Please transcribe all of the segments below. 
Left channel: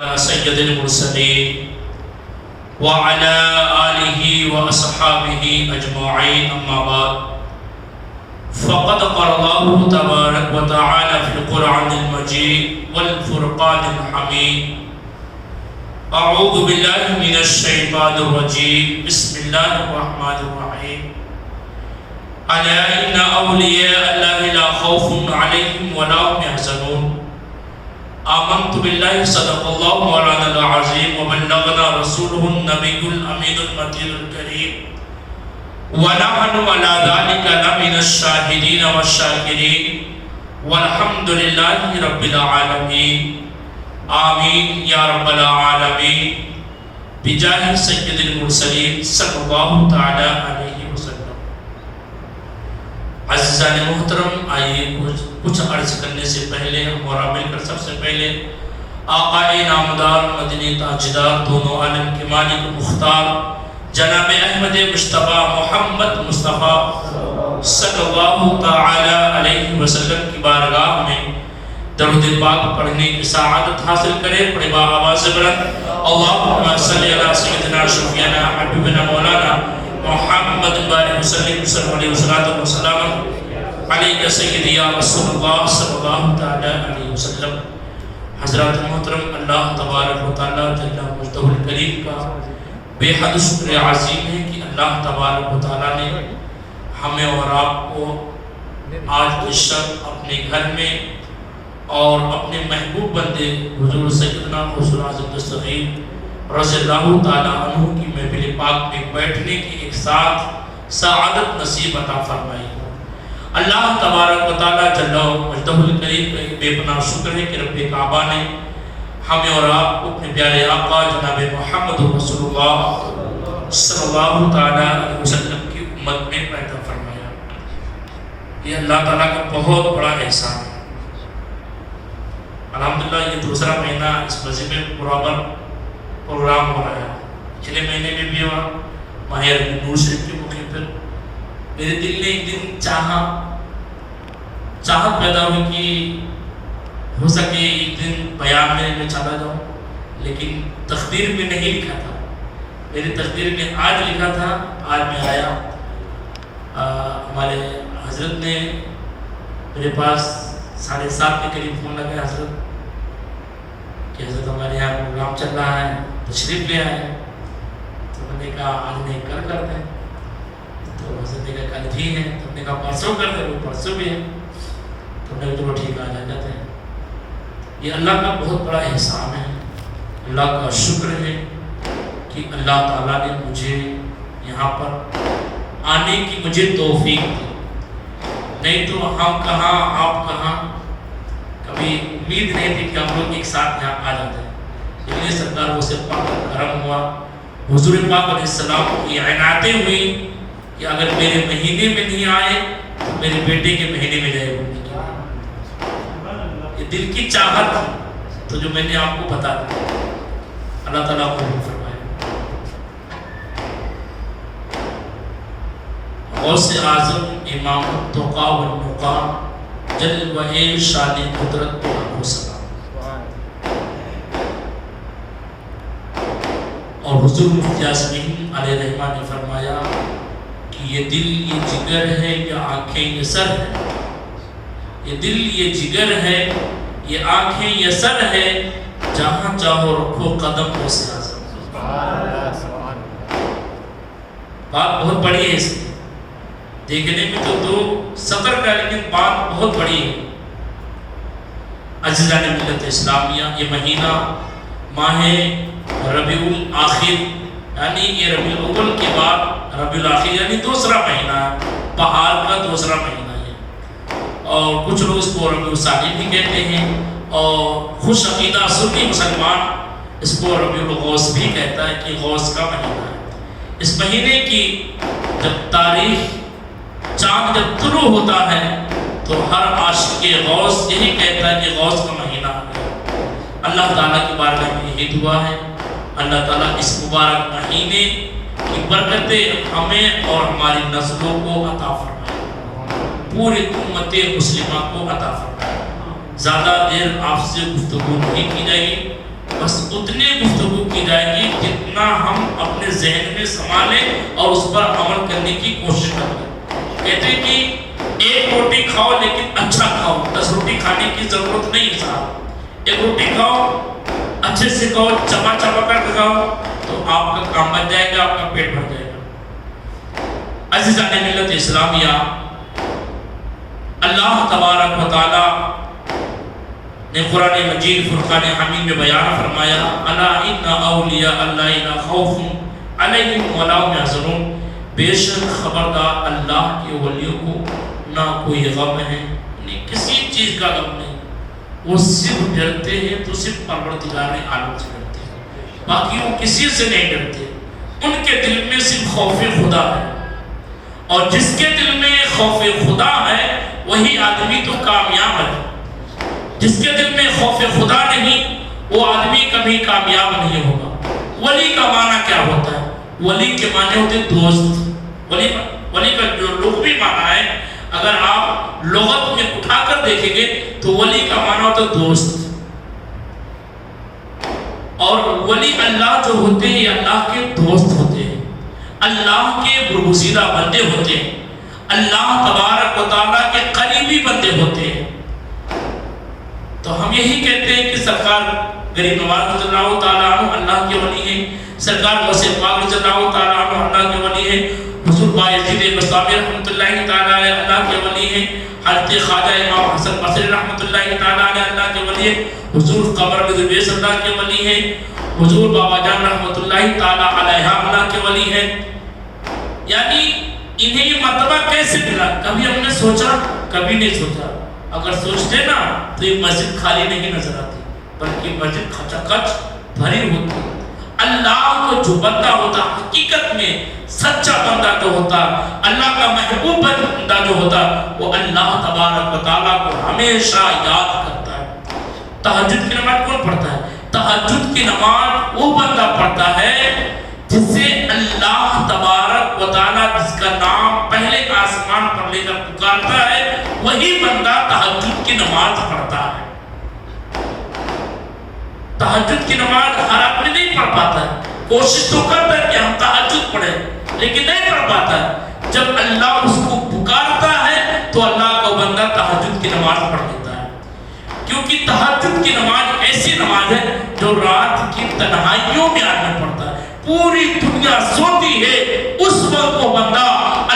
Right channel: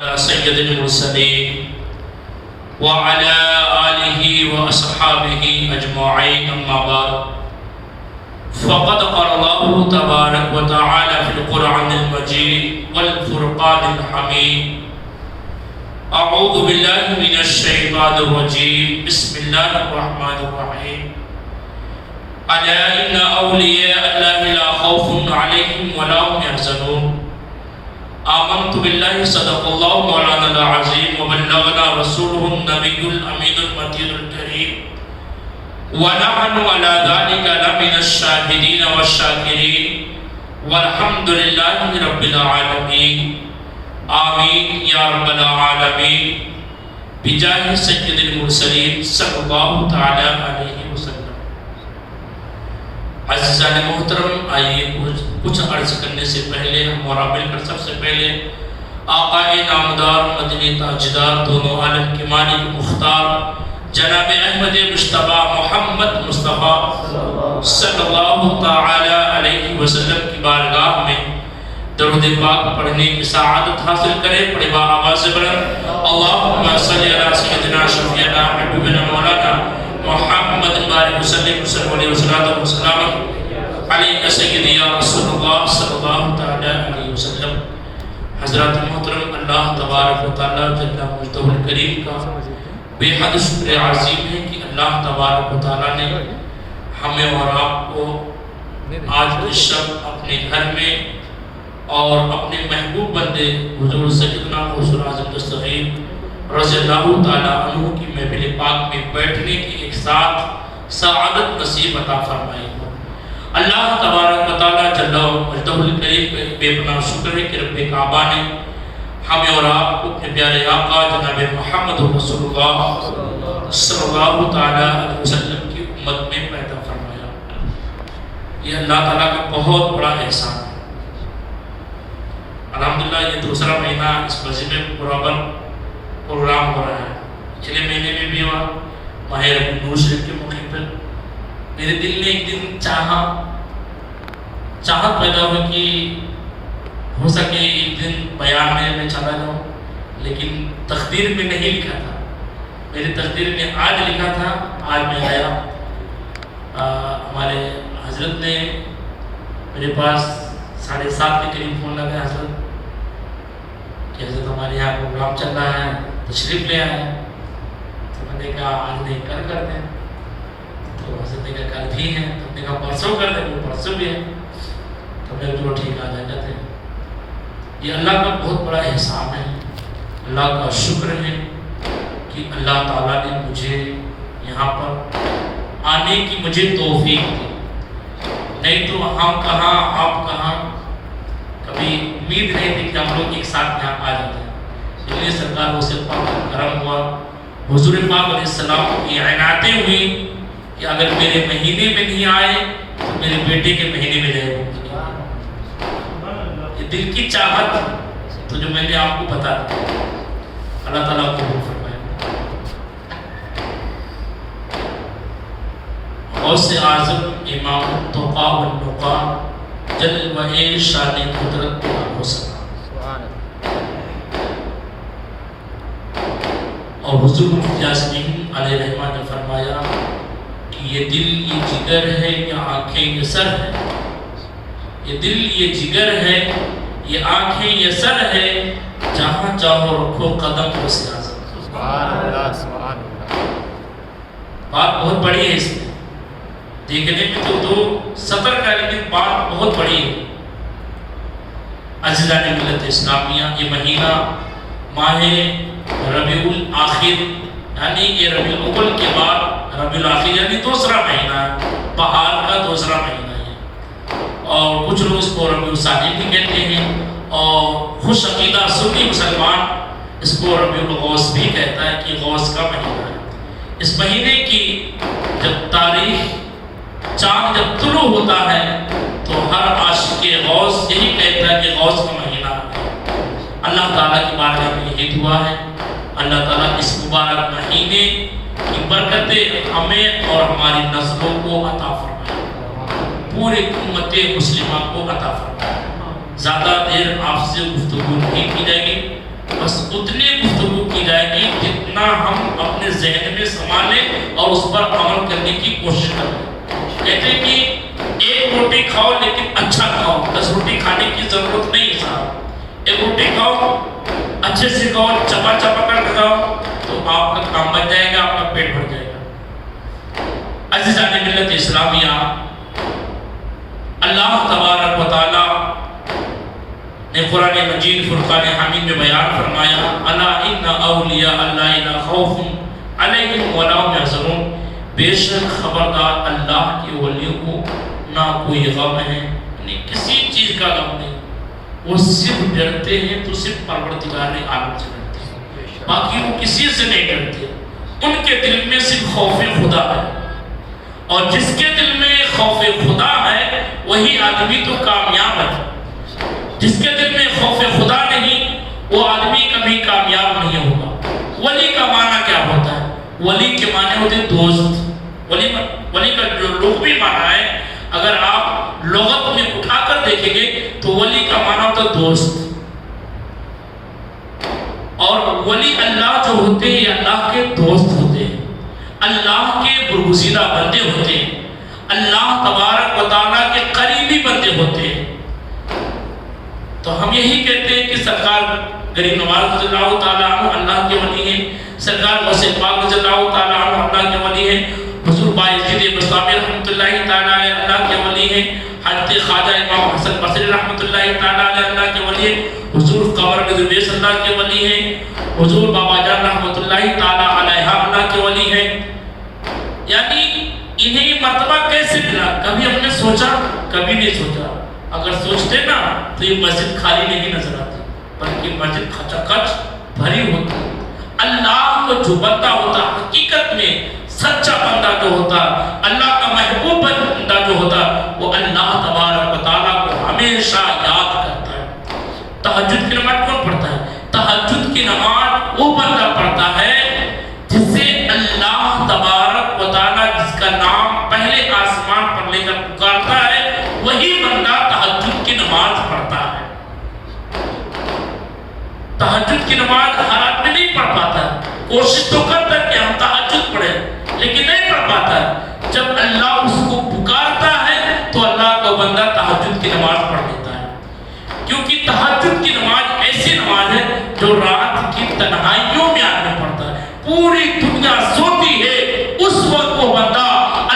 سید المرسلین وعلى آلہ واصحابہ اجمعین اما بعد فقد قال اللہ تبارک و تعالی فی القرآن المجید والفرقان الحمید اعوذ باللہ من الشیطان الرجیم بسم اللہ الرحمن الرحیم الا ان اولیاء اللہ لا خوف علیہم ولا هم يحزنون آمنت باللہ صدق اللہ مولانا العظیم وبلغنا رسوله النبی الامین المتین الکریم ونحن على ذلك لمن الشاہدین والشاکرین والحمد للہ رب العالمین آمین یا رب العالمین بجاہ سید المرسلین صلی اللہ تعالی علیہ وسلم۔ عزیزان محترم، آئیے کچھ عرض کرنے سے پہلے ہم اور مل کر سب سے پہلے آقا نامدار مدنی تاجدار دونوں عالم کے مالک مختار جناب احمد مجتبی محمد مصطفیٰ صلی اللہ تعالی علیہ وسلم کی بارگاہ میں درود پاک پڑھنے کی سعادت حاصل کرے۔ پڑھے با آواز بلند اللہم صلی علی سیدنا شفیعنا حبیبنا مولانا محمد بارک وسلم علیہ وسلم علیہ سیدی یا رسول اللہ صلی اللہ تعالی علیہ وسلم۔ حضرات محترم، اللہ تبارک و تعالی جل مجدہ الکریم کا بے حد شکر عظیم ہے کہ اللہ تبارک و تعالی نے ہمیں اور آپ کو آج اس شب اپنے گھر میں اور اپنے محبوب بندے حضور سیدنا غوث اعظم دستگیر رضی اللہ تعالی عنہ کی محفل پاک میں بیٹھنے کی ایک ساتھ سعادت نصیب عطا فرمائی۔ اللہ تبارک و تعالی جل مجدہ الکریم کا بے پناہ شکر ہے کہ رب کعبہ نے ہمیں اور آپ کو اپنے پیارے آقا جناب محمد رسول اللہ صلی اللہ تعالی علیہ وسلم کی امت میں پیدا فرمایا۔ یہ اللہ تعالیٰ کا بہت بڑا احسان ہے۔ الحمدللہ یہ دوسرا مہینہ اس مسجد میں پروگرام ہو رہا ہے۔ پچھلے مہینے میں بھی ہوا ماہ ربیع الاول شریف کے موقع پر میرے دل میں ایک دن چاہت پیدا ہوئی کہ ہو سکے ایک دن بیان میں چلا جاؤں، لیکن تقدیر میں نہیں لکھا تھا۔ میری تقدیر میں آج لکھا تھا، آج میں آیا۔ ہمارے حضرت نے میرے پاس 7:30 کے قریب فون لگایا حضرت کہ حضرت ہمارے یہاں پروگرام چل رہا ہے، تشریف لے آئے۔ تو میں نے کہا آج نہیں کل کر دیں، تو حضرت نے کہا کل بھی ہے، تو میں نے کہا پرسوں کر دیں، وہ پرسوں بھی ہے۔ تو میں جو ٹھیک آ جاتے ہیں۔ یہ اللہ کا بہت بڑا احسان ہے، اللہ کا شکر ہے کہ اللہ تعالیٰ نے مجھے یہاں پر آنے کی مجھے توفیق دی۔ نہیں تو ہم کہاں آپ کہاں، کبھی امید نہیں تھی کہ ہم لوگ ایک ساتھ یہاں آ جاتے ہیں، لیکن سرکار وہ سے پاک کرم ہوا، حضور پاک علیہ السلام کی عنایتیں ہوئی کہ اگر میرے مہینے میں نہیں آئے تو میرے بیٹے کے مہینے میں جائے۔ یہ دل کی چاہت تو جو میں نے آپ کو بتا دیا، اللہ تعالیٰ کو فرمائے۔ غوث اعظم امام التقا والنقا جل وعلا شان قدرت و سلام۔ اور حضور مفتی یاسین علیہ الرحمہ نے فرمایا کہ یہ دل یہ جگر ہے، یہ آنکھیں یہ سر ہے۔ یہ دل یہ جگر ہے، یہ آنکھیں یہ سر ہے، جہاں چاہو رکھو قدم غوث اعظم۔ بات بہت بڑی ہے اس میں، دیکھنے میں تو 2 سطر کا، لیکن بات بہت بڑی ہے۔ عزیزان ملت اسلامیہ، یہ مہینہ ماہ ربیع الاخر، یعنی یہ ربیع الاول کے بعد ربیع الاخر یعنی دوسرا مہینہ ہے، بہار کا دوسرا مہینہ ہے۔ اور کچھ لوگ اس کو ربیع الثانی بھی کہتے ہیں، اور خوش عقیدہ سنی مسلمان اس کو ربیع الغوث بھی کہتا ہے کہ غوث کا مہینہ ہے۔ اس مہینے کی جب تاریخ چاند جب طلوع ہوتا ہے تو ہر عاشق غوث یہی کہتا ہے کہ غوث کا مہینہ ہے۔ اللہ تعالیٰ کی بارگاہ میں یہی دعا ہے، اللہ تعالیٰ اس مبارک مہینے کی برکتیں ہمیں اور ہماری نسلوں کو عطا فرمائے، پوری امت مسلمہ کو عطا فرمائے۔ زیادہ دیر آپ سے گفتگو نہیں کی جائے گی، بس اتنی گفتگو کی جائے گی جتنا ہم اپنے ذہن میں سنبھالیں اور اس پر عمل کرنے کی کوشش کریں۔ کہتے ہیں کہ ایک روٹی کھاؤ لیکن اچھا کھاؤ، 10 روٹی کھانے کی ضرورت نہیں ہے صاحب۔ ایک روٹی کھاؤ، اچھے سے کھاؤ، چبا چبا کر کھاؤ، تو آپ کا کام بن جائے گا، آپ کا پیٹ بھر جائے گا۔ عزیزان ملت اسلامیہ، اللہ تبارک و تعالی نے قرآن مجید فرقان حمید میں بیان فرمایا، الا ان اولیاء اللہ لا خوف علیہم ولا هم یحزنون، بے شک خبردار اللہ کے ولیوں کو نہ کوئی غم ہے، انہیں کسی چیز کا غم نہیں، وہ صرف ڈرتے ہیں تو صرف پروردگار عالم سے ڈرتے ہیں، باقی وہ کسی سے نہیں ڈرتے۔ ان کے دل میں صرف خوف خدا ہے، اور جس کے دل میں خوف خدا ہے وہی آدمی تو کامیاب ہے۔ جس کے دل میں خوف خدا نہیں وہ آدمی کبھی کامیاب نہیں ہوگا۔ ولی کا معنی کیا ہوتا ہے؟ ولی کے معنی ہوتے دوست۔ ولی کا جو لغوی معنی ہے، اگر آپ لغت میں اٹھا کر دیکھیں گے تو ولی کا معنی ہوتا دوست، اور ولی اللہ جو ہوتے ہیں اللہ کے دوست ہوتے ہیں، اللہ کے برگزیدہ بندے ہوتے ہیں، اللہ تبارک و تعالیٰ کے قریبی بندے ہوتے ہیں۔ تو ہم یہی کہتے ہیں کہ سرکار غریب نواز رضی اللہ تعالیٰ عنہ اللہ کے ولی ہیں، سرکار غوث پاک رضی اللہ تعالیٰ عنہ اللہ کے ولی ہیں، حضور بایزید بستامی رحمۃ اللہ تعالیٰ علیہ اللہ کے ولی ہیں، حضرت خواجہ امام حسن بصری رحمۃ اللہ تعالیٰ علیہ اللہ کے ولی ہیں، حضور قمر درویش اللہ کے ولی ہیں، حضور بابا جان رحمۃ اللہ تعالیٰ علیہ اللہ کے ولی ہیں۔ یعنی انہیں یہ مرتبہ کیسے ملا؟ کبھی ہم نے سوچا؟ کبھی نہیں سوچا۔ اگر سوچتے نا تو یہ مسجد خالی نہیں نظر آتی، بلکہ مسجد کھچا کھچ بھری ہوتی۔ اللہ کو جو بندہ ہوتا حقیقت میں سچا بندہ جو ہوتا، اللہ کا محبوب بندہ جو ہوتا، وہ اللہ تبارک و تعالیٰ کو ہمیشہ یاد کرتا ہے۔ تہجد کی نماز کون پڑھتا ہے؟ تہجد کی نماز وہ بندہ پڑھتا ہے جس سے اللہ تبارک و تعالیٰ جس کا نام پہلے آسمان پر لے کر پکارتا ہے، وہی بندہ تہجد کی نماز پڑھتا ہے۔ تہجد کی نماز ہر آدمی نہیں پڑھ پاتا ہے، کوشش تو کرتا ہے کہ ہم تہجد پڑھیں، لیکن نہیں پڑھ پاتا ہے۔ جب اللہ اس کو پکارتا ہے تو اللہ کا بندہ تہجد کی نماز پڑھ لیتا ہے، کیونکہ تہجد کی نماز ایسی نماز ہے جو رات کی تنہائیوں میں آدمی پڑھتا ہے۔ پوری دنیا سوتی ہے، اس وقت وہ بندہ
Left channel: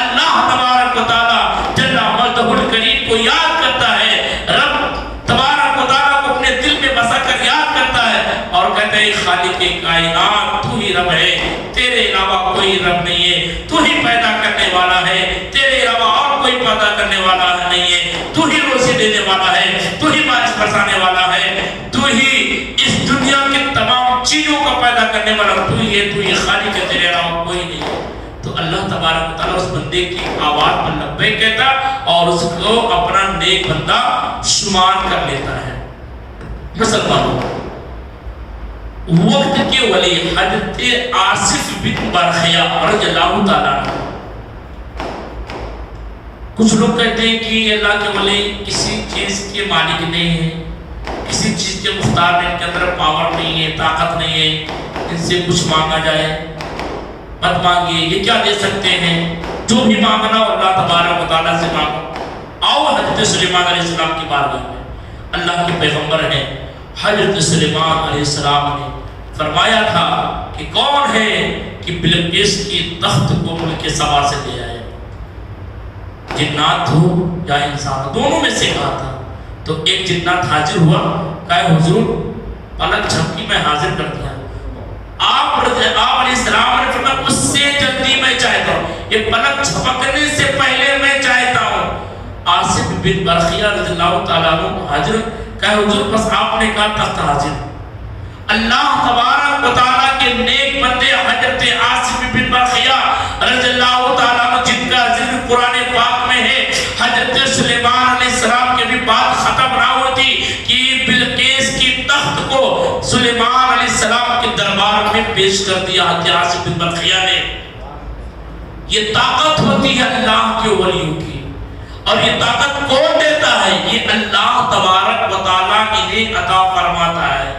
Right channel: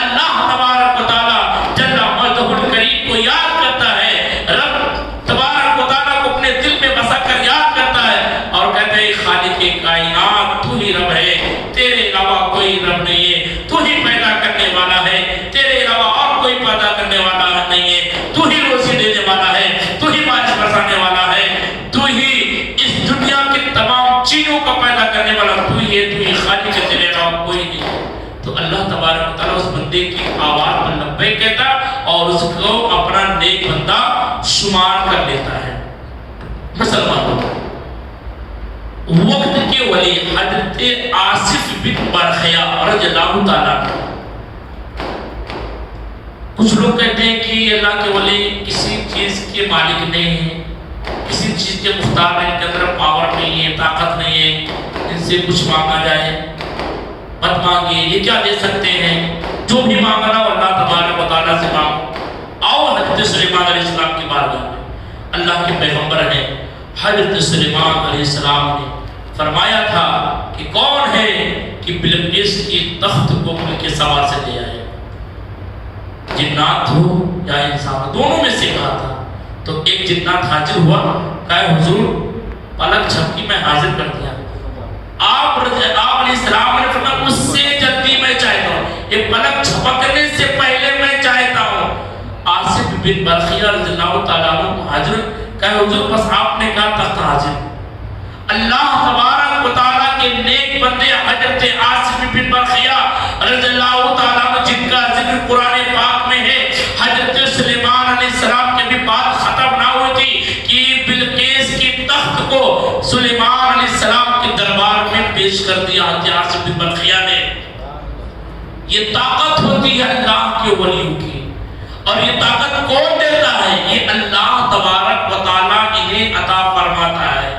اللہ تبارک و تعالیٰ جل مجدہ الکریم کو یاد کرتا ہے، رب تبارک و تعالیٰ کو اپنے دل میں بسا کر یاد کرتا ہے اور کہتا ہے خالق کائنات تو ہی رب ہے، تیرے علاوہ کوئی رب نہیں ہے، تو ہی پیدا کرنے والا ہے، تیرے علاوہ اور کوئی پیدا کرنے والا نہیں ہے، تو ہی روزی دینے والا ہے، تو ہی بارش برسانے والا ہے، تو ہی اس دنیا کی تمام چیزوں کو پیدا کرنے والا تو ہی ہے، تو ہی خالق ہے، تیرے علاوہ کوئی نہیں ہے۔ تو اللہ تبارک و تعالیٰ اس بندے کی آواز پر لبیک کہتا اور اس کو اپنا نیک بندہ شمار کر لیتا ہے۔ مسلمانوں، وقت کے ولی حضرت آصف بن برخیا رضی اللہ تعالیٰ عنہ، کچھ لوگ کہتے ہیں کہ اللہ کے ولی کسی چیز کے مالک نہیں ہیں، کسی چیز کے مختار ہیں، ان کے اندر پاور نہیں ہے، طاقت نہیں ہے، ان سے کچھ مانگا جائے مت مانگیے، یہ کیا دے سکتے ہیں، جو بھی مانگنا ہو اللہ تبارک و تعالیٰ سے مانگو۔ آؤ حضرت سلیمان علیہ السلام کی بارگاہ میں، اللہ کے پیغمبر ہیں حضرت سلیمان علیہ السلام نے فرمایا تھا کہ کون ہے کہ بلقیس کی تخت کو ملک سبا سے لے آئے، جنات ہو یا انسان، دونوں میں سے کہا تھا۔ تو ایک جنات حاضر ہوا، کہا حضور پلک جھپکی میں حاضر کر دیا۔ آپ علیہ السلام نے فرمایا اس سے جلدی میں چاہتا ہوں، یہ پلک جھپکنے سے پہلے میں چاہتا ہوں۔ آصف بن برخیا رضی اللہ تعالیٰ عنہ حاضر، کہا حضور بس آپ نے کہا تخت حاضر۔ اللہ تبارک و تعالیٰ کے نیک بندے حضرت آصف بن برخیا رضی اللہ تعالیٰ عنہ جن کا ذکر قرآن پاک میں ہے، حضرت سلیمان علیہ السلام کے بھی بات ختم نہ ہوتی کہ بلقیس کی تخت کو سلیمان علیہ السلام کے دربار میں پیش کر دیا حضرت آصف بن برخیا نے۔ یہ طاقت ہوتی ہے اللہ کے ولیوں کی، اور یہ طاقت کون دیتا ہے؟ یہ اللہ تبارک و تعالیٰ انہیں عطا فرماتا ہے۔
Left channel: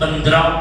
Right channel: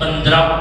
15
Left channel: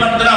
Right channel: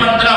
15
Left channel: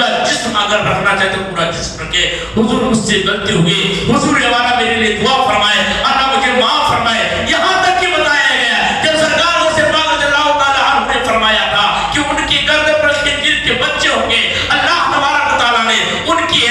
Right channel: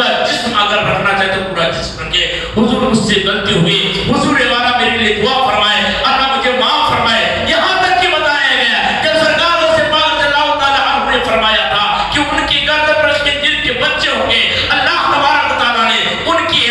پورا جسم اگر رکھنا چاہے تو پورا جسم رکھے. حضور مجھ سے غلطی ہوئی, حضور یہ والا میرے لیے دعا فرمائے, اللہ مجھے معاف فرمائے. یہاں تک کہ بتایا گیا جب سرکار غوث پاک رضی اللہ تعالیٰ عنہ نے فرمایا تھا کہ ان کی گردن پر اس کے جن کے بچے ہوں گے, اللہ تبارک و تعالیٰ نے ان کی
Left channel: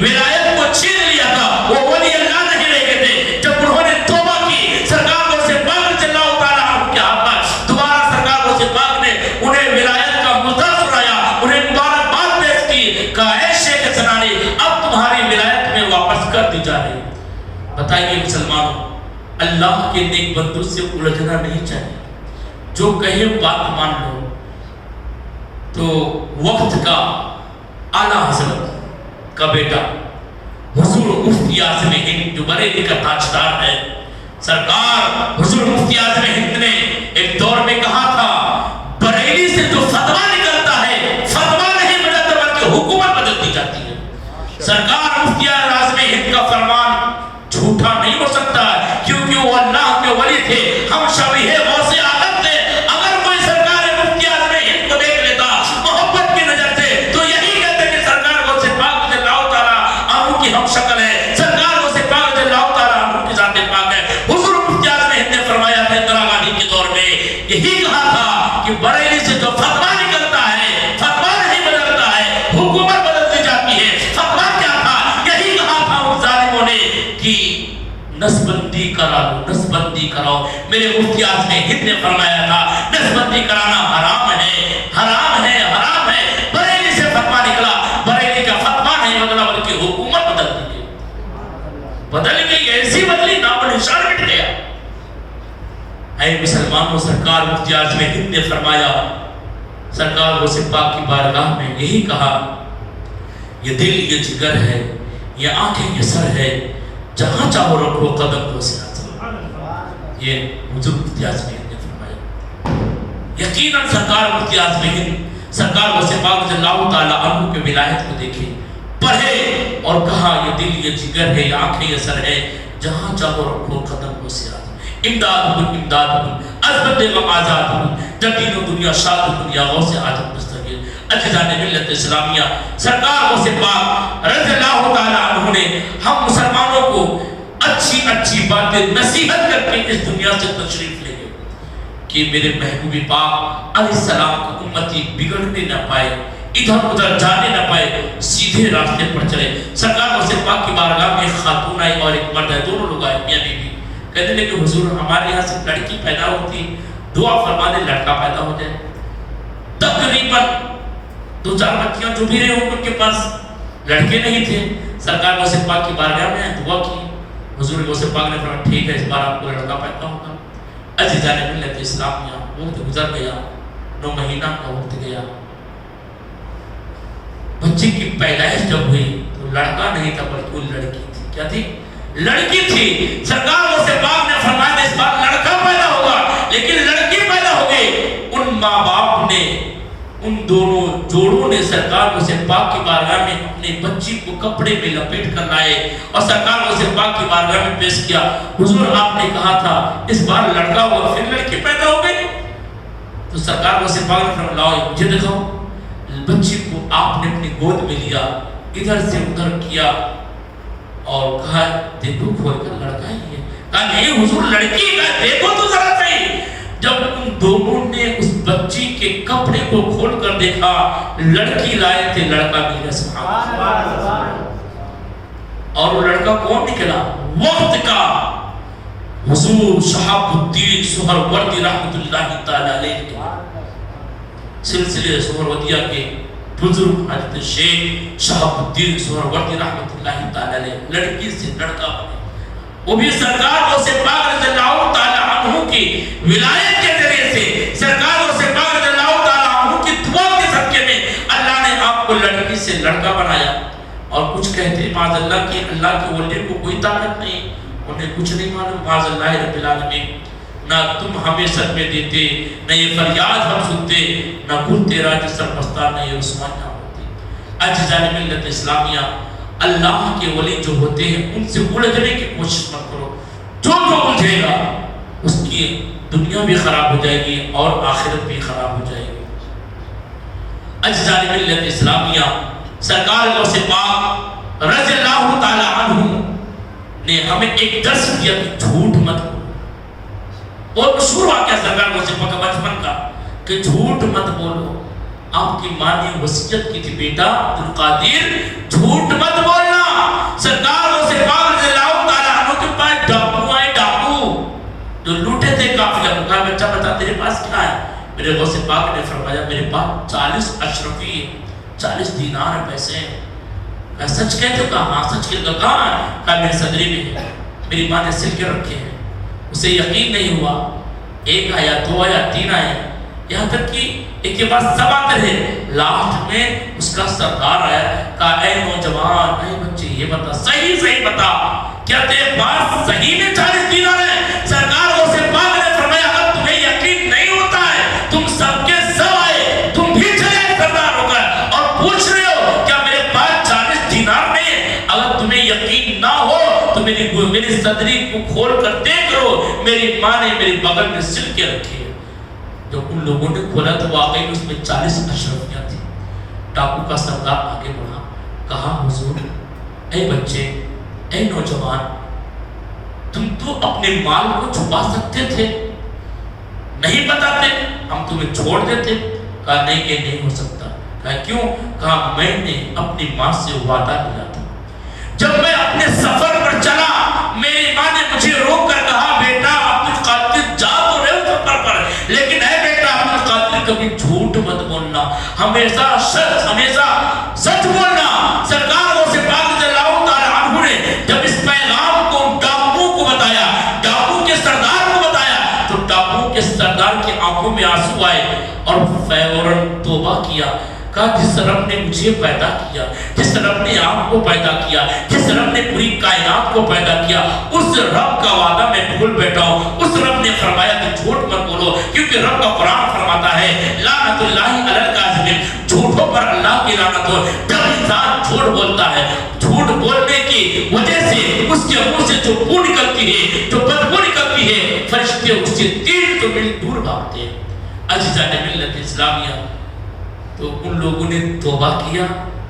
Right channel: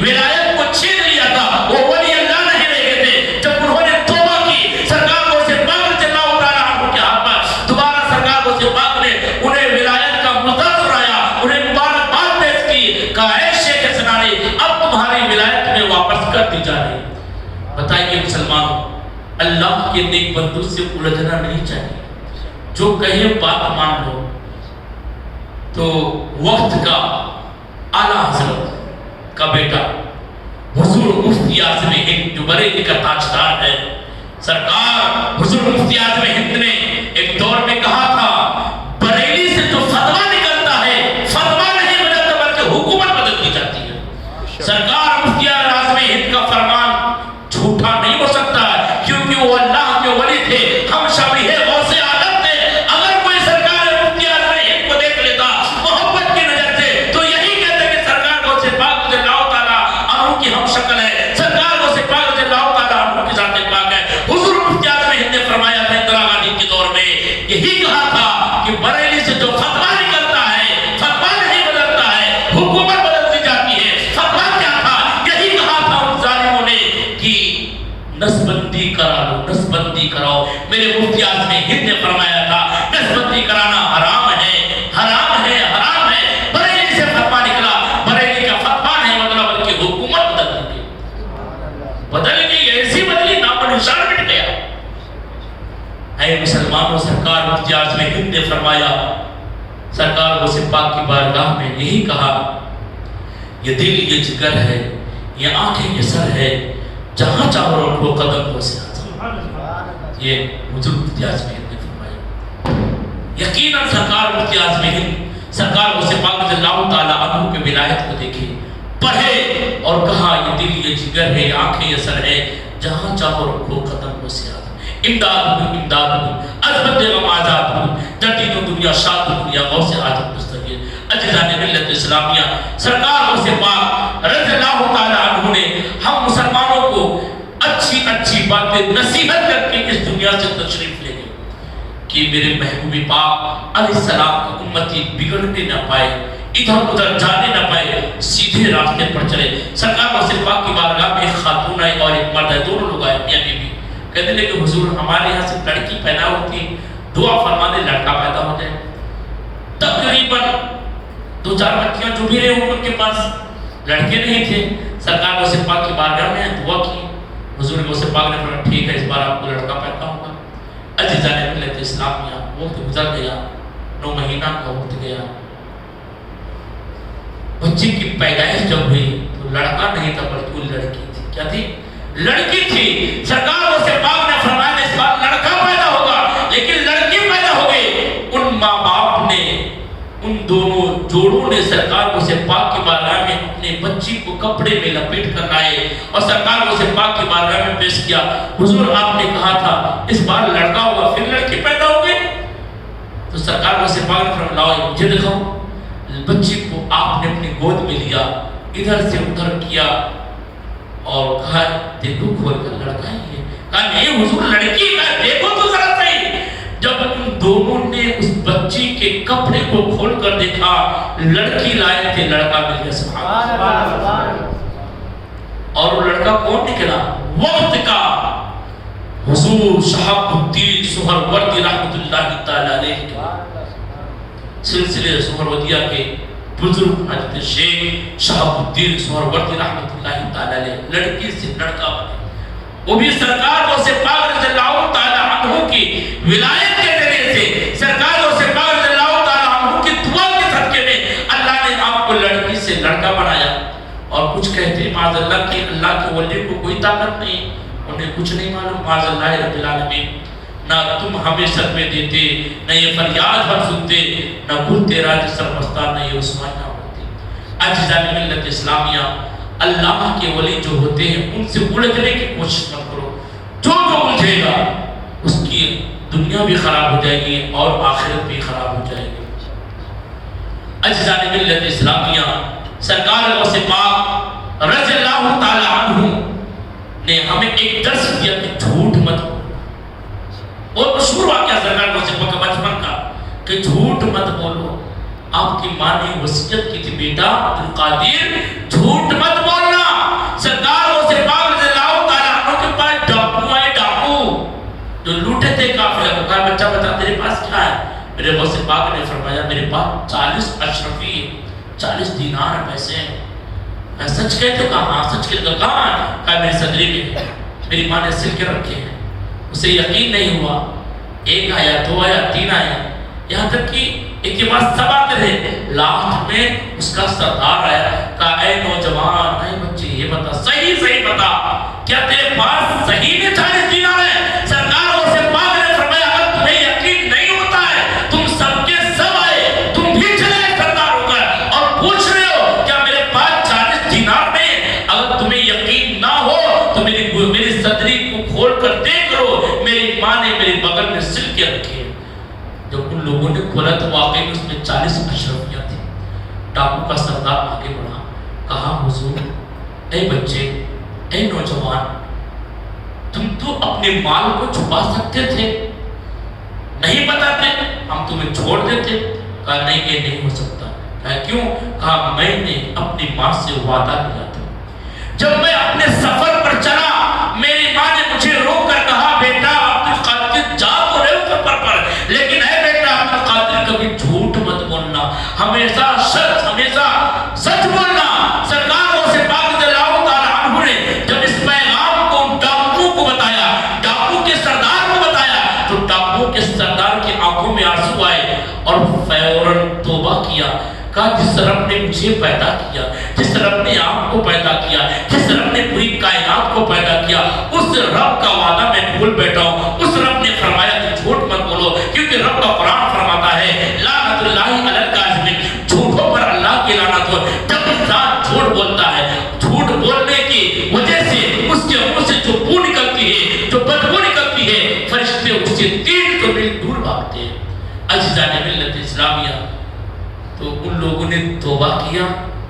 ولایت کو چھین لیا تھا. وہ ولی اللہ نہیں رہ گئے تھے. جب انہوں نے توبہ کی, سرکار غوث پاک رضی اللہ تعالیٰ عنہ کے ہاتھ پر دوبارہ سرکار غوث پاک نے انہیں ولایت کا مزہ سنایا, انہیں مبارکباد پیش کی, کہا اے شیخ سنانی اب تمہاری ولایت میں واپس کر دی جا رہی. بتائیے مسلمانوں, اللہ کے نیک بندوں سے الجھنا نہیں چاہیے. جو کہے بات مان لو. تو وقت کا اعلیٰ حضرت کا بیٹا حضور مفتی اعظم ہند جو بریلی کا تاجدار ہے, سرکار حضور مفتی اعظم ہند نے ایک دور میں کہا تھا بریلی سے جو فتویٰ نکلتا ہے فتویٰ نہیں بدلتا بلکہ حکومت بدلتی جاتی ہے. سرکار مفتی اعظم ہند کا فرمان جھوٹا نہیں ہو سکتا کیونکہ وہ اللہ کے ولی تھے, ہم شبیہ غوث اعظم تھے. اگر کوئی سرکار مفتی اعظم ہند کو دیکھ لیتا محبت کی نظر سے تو یہی کہتے کہ سرکار غوث پاک رضی اللہ تعالیٰ عنہ کی ہم شکل ہے, سرکار غوث پاک رضی اللہ تعالیٰ عنہ کی ذات پاک ہے. حضور مفتی اعظم ہند نے فرمایا تھا اندرا گاندھی کے دور میں یہی کہا تھا کہ بریلی سے جو فتویٰ نکلتا ہے فتویٰ نہیں بدلتا ہے, حکومت بدلتی جاتی ہے. فتویٰ کیا تھا؟ یہی کہا تھا ان ظالموں نے کہ نسبندی کرا لو, نسبندی کراؤ. میرے مفتی اعظم ہند نے فرمایا تھا نسبندی کرانا حرام ہے, حرام ہے, حرام ہے. بریلی سے فتویٰ نکلا, بریلی کا فتویٰ نہیں بدلا بلکہ حکومت بدل گئی, ایسی بدلی نام و نشان مٹ گیا. اے مسلمانوں, سرکار مفتی اعظم ہند نے فرمایا, سرکار غوث پاک کی بارگاہ میں یہی کہا, یہ دل یہ جگر ہے, یہ آنکھیں یہ سر ہے, جہاں چاہو رکھو قدم کو ساتھ. یہ حضور مفتی اعظم ہند نے فرمایا. یقیناً سرکار مفتی اعظم ہند سرکار غوث پاک رضی اللہ تعالیٰ عنہ کی ولایت کو دیکھے, پڑھے اور کہا یہ دل یہ جگر ہے, یہ آنکھیں یہ سر ہے, جہاں چاہو رکھو قدم کو ساتھ. امداد امداد عظمت غم آزاد جدید دنیا شاد دنیا غوث اعظم مستقل اجزان ملت اسلامیہ. سرکار غوث پاک رضی اللہ تعالیٰ عنہ نے ہم مسلمانوں کو اچھی اچھی باتیں نصیحت کر کے اس دنیا سے تشریف لے گئے کہ میرے محبوب پاک علیہ السلام کی امتی بگڑنے نہ پائے, ادھر ادھر جانے نہ پائے, سیدھے راستے پر چلے. سرکار غوث پاک کی بارگاہ میں ایک خاتون آئی اور ایک مرد ہے, دونوں لوگ آئے میاں بیوی. کہتے ہیں کہ حضور ہمارے یہاں سے لڑکی پیدا ہوتی, دعا فرما دے لڑکا پیدا ہو جائے. تقریباً 2-4 بچیاں جو بھی رہے ہوں ان کے پاس لڑکے نہیں تھے. سرکار غوث پاک کی بارگاہ میں دعا کی, حضور غوث پاک نے فرمایا ٹھیک ہے اس بار آپ کو لڑکا پیدا ہوگا. عزیزان ملت اسلامیہ, وقت گزر گیا, 9 مہینہ کا وقت گیا. بچے کی پیدائش جب ہوئی تو لڑکا نہیں تھا بلکہ وہ لڑکی تھی. کیا تھی؟ لڑکی تھی. سرکار غوث پاک نے فرمایا اس بار لڑکا پیدا ہوگا, لیکن لڑکی پیدا ہو گئی. ان ماں باپ نے, ان دونوں جوڑوں نے سرکار غوث پاک کی بارگاہ میں اپنے بچی کو کپڑے میں لپیٹ کر لائے اور سرکار غوث پاک کی بارگاہ میں پیش کیا. حضور آپ نے کہا تھا اس بار لڑکا ہوگا, پھر لڑکی پیدا ہو گئی. تو سرکار غوث پاک نے فرمایا لاؤ مجھے دکھاؤ. بچی کو آپ نے اپنی گود میں لیا, ادھر سے ادھر کیا اور کہا دیکھو کھول کر لڑکا ہی ہے. کہا نہیں حضور لڑکی ہے, دیکھو تو ذرا صحیح. جب ان دونوں نے اس بچی کے کپڑے کو کھول کر دیکھا, لڑکی لائے تھے, لڑکا مل گیا. سبحان اللہ. اور وہ لڑکا کون نکلا؟ وقت کا حضور شہاب الدین سہروردی رحمت اللہ تعالی علیہ سلسلے سہروردیہ کے بزرگ حضرت شیخ شہاب الدین سہروردی رحمت اللہ تعالی علیہ لڑکی سے لڑکا بنے. وہ بھی سرکار غوث پاک رضی اللہ تعالی عنہ کی ولایت کے ذریعے سے, سرکار غوث پاک رضی اللہ تعالی عنہ کی دعا کے صدقے میں اللہ نے آپ کو لڑکی سے لڑکا بنایا. اور کچھ کہتے ہیں معاذ اللہ کہ اللہ کے ولی کو کوئی طاقت نہیں, انہیں کچھ نہیں معلوم. معاذ اللہ رب العالمین, نہ تم ہمیں صدمے دیتے, نہ یہ فریاد ہم سنتے, نہ کل تیرا جسر پستہ, نہ یہ رسوائیاں ہوتی. عزیزان ملت اسلامیہ, اللہ کے ولی جو ہوتے ہیں ان سے الجھنے کی کوشش مت کرو. جو الجھے گا اس کی دنیا بھی خراب ہو جائے گی اور آخرت بھی خراب ہو جائے گی. اجزاء ملت اسلامیہ سرکار غوث پاک رضی اللہ تعالی عنہ نے ہمیں ایک درس دیا کہ جھوٹ مت بولو. بہت مشہور واقعہ سرکار غوث پاک کا بچپن کا کہ جھوٹ مت بولو. آپ کی ماں نے وصیت کی تھی بیٹا عبدالقادر جھوٹ مت بولنا. سرکار غوث پاک رضی اللہ تعالی عنہ کے پاس ڈاکو آئے, ڈاکو جو لوٹے تھے قافلہ کو. کہا بچہ بتا تیرے پاس کیا ہے؟ میرے غوث پاک نے فرمایا میرے پاس 40 اشرفی 40 دینار پیسے ہیں. میں سچ کہتے کہا ہاں سچ کہتے کہاں؟ کہا میری صدری میں ہے, میری ماں نے سل کے رکھے ہیں. اسے یقین نہیں ہوا, 1 آیا 2 آیا 3 آیا, یہاں تک کہ ایک کے بعد 7 آتے تھے. لاسٹ میں اس کا سردار آیا, کہا اے نوجوان اے بچے یہ بتا صحیح بتا کیا تیرے پاس صحیح میں 40 دینار ہے؟ سرکار غوث پاک نے فرمایا اگر تمہیں یقین نہیں ہوتا ہے تم سب کے سب آئے, تم بھی چلے سردار ہو کر اور پوچھ رہے ہو کیا میرے پاس 40 دینار نہیں ہے؟ اگر تمہیں یقین نہ ہو تو میری صدری کو کھول کر دیکھ لو, میری ماں نے میرے بغل میں سل کے رکھے. جب ان لوگوں نے کھولا تو واقعی اس میں 40 اشرفیاں تھیں. ڈاکو کا سردار آگے بڑھا, کہا حضور اے بچے اے نوجوان تم تو اپنے مال کو چھپا سکتے تھے, نہیں بتاتے, ہم تمہیں چھوڑ دیتے. کہا نہیں یہ نہیں ہو سکتا. کہا کیوں؟ کہا میں نے اپنی ماں سے وعدہ کیا تھا, جب میں اپنے سفر پر چلا میری ماں نے مجھے روک کر کہا بیٹا عبدالقادر جا تو رہے ہو سفر پر, لیکن اے بیٹا عبدالقادر کبھی جھوٹ مت بولنا, ہمیشہ سچ بولنا. سرکار غوث پاک رضی اللہ تعالی عنہ نے جب اس پیغام کو ڈاکو کو بتایا, ڈاکو کے سردار کو بتایا, تو ڈاکو کے سردار کی آنکھوں میں آنسو آئے اور فوراً توبہ کیا. کہا جس رب نے مجھے پیدا کیا, جس رب نے آپ کو پیدا کیا, جس رب نے پوری کائنات کو پیدا کیا, اس رب کا وعدہ میں بھول بیٹھا ہوں. اس رب نے فرمایا کہ جھوٹ مت بولو, کیونکہ رب کا قرآن فرماتا ہے لعنت اللہ علی الکاذبین, جھوٹوں پر اللہ کی لعنت ہو. جب انسان جھوٹ بولتا ہے, جھوٹ بولنے کی وجہ سے اس کے منہ سے جو بو نکلتی ہے, جو بدبو نکلتی ہے, فرشتے اسے 300 میل دور بھاگتے ہیں. اجزاء ملت اسلامیہ تو ان لوگوں نے توبہ کیا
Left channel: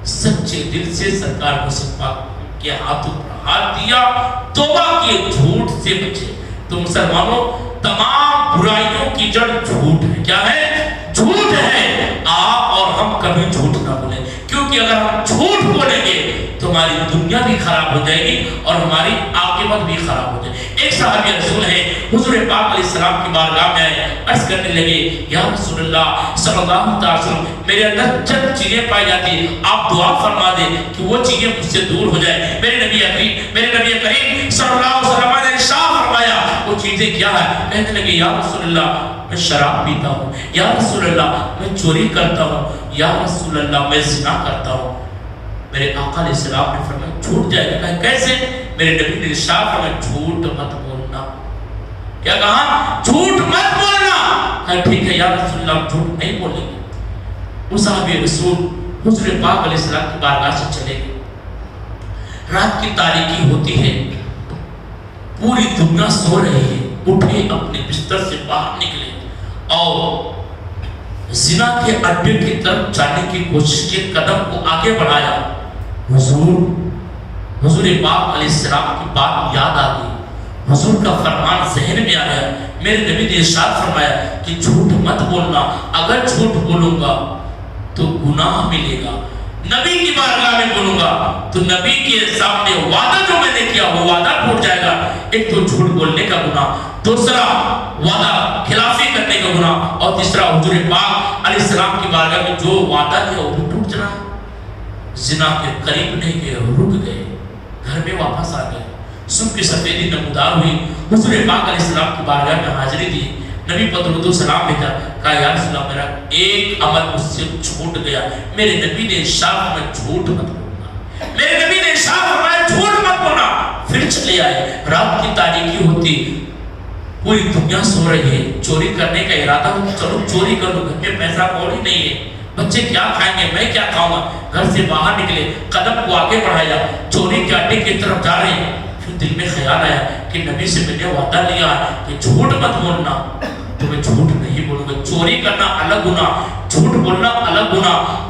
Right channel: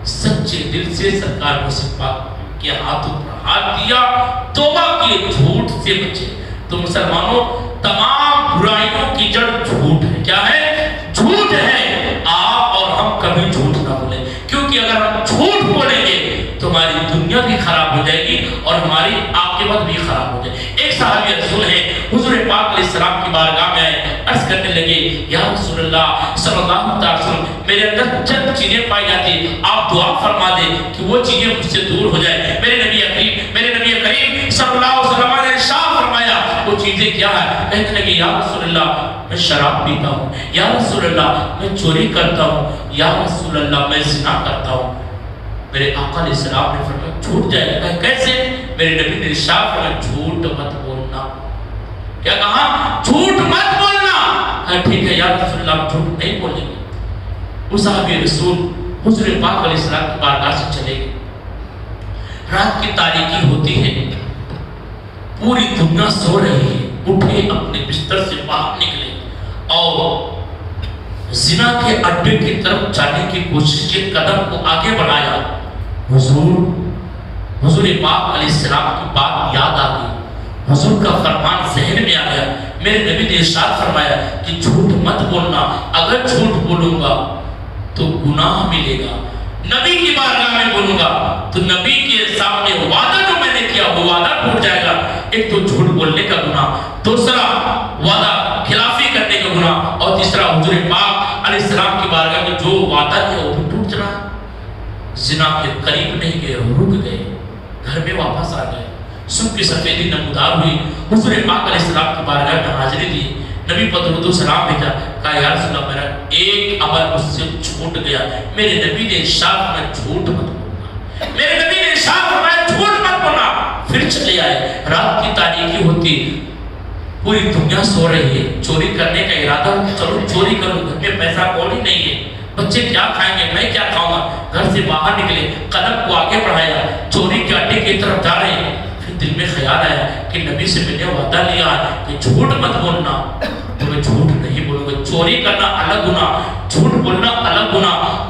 سچے دل سے, سرکار غوث پاک کے ہاتھوں پر ہاتھ دیا, توبہ کیے, جھوٹ سے بچے. تو مسلمانوں تمام برائیوں کی جڑ جھوٹ ہے. کیا ہے؟ جھوٹ ہے. آپ اور ہم کبھی جھوٹ نہ بولیں, کیونکہ اگر ہم جھوٹ بولیں گے تو ہماری دنیا بھی خراب ہو جائے گی اور ہماری عاقبت بھی خراب ہو جائے گی. ایک صحابی رسول ہے حضور پاک علیہ السلام کی بارگاہ میں آئے, عرض کرنے لگے یا رسول اللہ صلی اللہ علیہ وسلم میرے اندر چند چیزیں پائی جاتی ہیں, آپ دعا فرما دیں کہ وہ چیزیں مجھ سے دور ہو جائے. میرے نبی کریم صلی اللہ علیہ وسلم نے ارشاد فرمایا وہ چیزیں کیا ہے؟ کہنے لگے یا رسول اللہ میں شراب پیتا ہوں, یا رسول اللہ میں چوری کرتا ہوں, یا رسول اللہ میں زنا کرتا ہوں. میرے آقا علیہ السلام نے فرمایا چھوٹ جائے گا. کیسے؟ میرے نبی نے ارشاد فرمایا جھوٹ مت بولنا. کیا کہا؟ جھوٹ مت بولنا. کہا ٹھیک ہے یا رسول اللہ جھوٹ نہیں بولیں گے. وہ صحابی رسول حضور پاک علیہ السلام کی بارگاہ سے چلے گئے. رات کی تاریکی ہوتی ہے, پوری دنیا سو رہی ہے, اٹھے اپنے بستر سے باہر نکلے اور زنا کے اڈے کی طرف جانے کی کوشش کی, قدم کو آگے بڑھایا. حضور پاک علیہ السلام کی بات یاد آ گئی, حضور کا فرمان ذہن میں آیا. میرے نبی نے ارشاد فرمایا کہ جھوٹ مت بولنا, اگر جھوٹ بولوں گا تو گناہ ملے گا. نبی کی بارگاہ میں بولوں گا تو نبی کے سامنے وعدہ جو میں نے کیا وہ وعدہ ٹوٹ جائے گا. ایک تو جھوٹ بولنے کا گناہ, دوسرا وعدہ خلافی کرنے کا گناہ, اور تیسرا حضور پاک علیہ السلام کی بارگاہ میں جو وعدہ کیا وہ ٹوٹ جانا. زنا کے قریب نہیں گئے, رک گئے, گھر میں واپس آ گئے. صبح کی سفیدی نمودار ہوئی, حضور پاک علیہ السلام کی بارگاہ میں حاضری دی. نبی پر درود و سلام بھیجا, کہا یا رسول اللہ میرا ایک عمل مجھ سے چھوٹ گیا. میرے نبی نے ارشاد میں جھوٹ مت بولنا, میرے نبی نے ارشاد فرمایا جھوٹ مت بولنا. پھر چلے آئے, رات کی تاریکی ہوتی, پوری دنیا سو رہی ہے, چوری کرنے کا ارادہ, چلو چوری کر لو, گھر میں پیسہ کوڑی نہیں ہے, بچے کیا کھائیں گے, میں کیا کھاؤں گا. گھر سے باہر نکلے, قدم کو آگے بڑھایا, چوری کے اڈے کی طرف جا رہے ہیں. پھر دل میں خیال آیا کہ نبی سے میں نے وعدہ لیا کہ جھوٹ مت بولنا, تو میں جھوٹ نہیں بولوں گا. چوری کرنا الگ گناہ, جھوٹ بولنا الگ گناہ,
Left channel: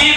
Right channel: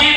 3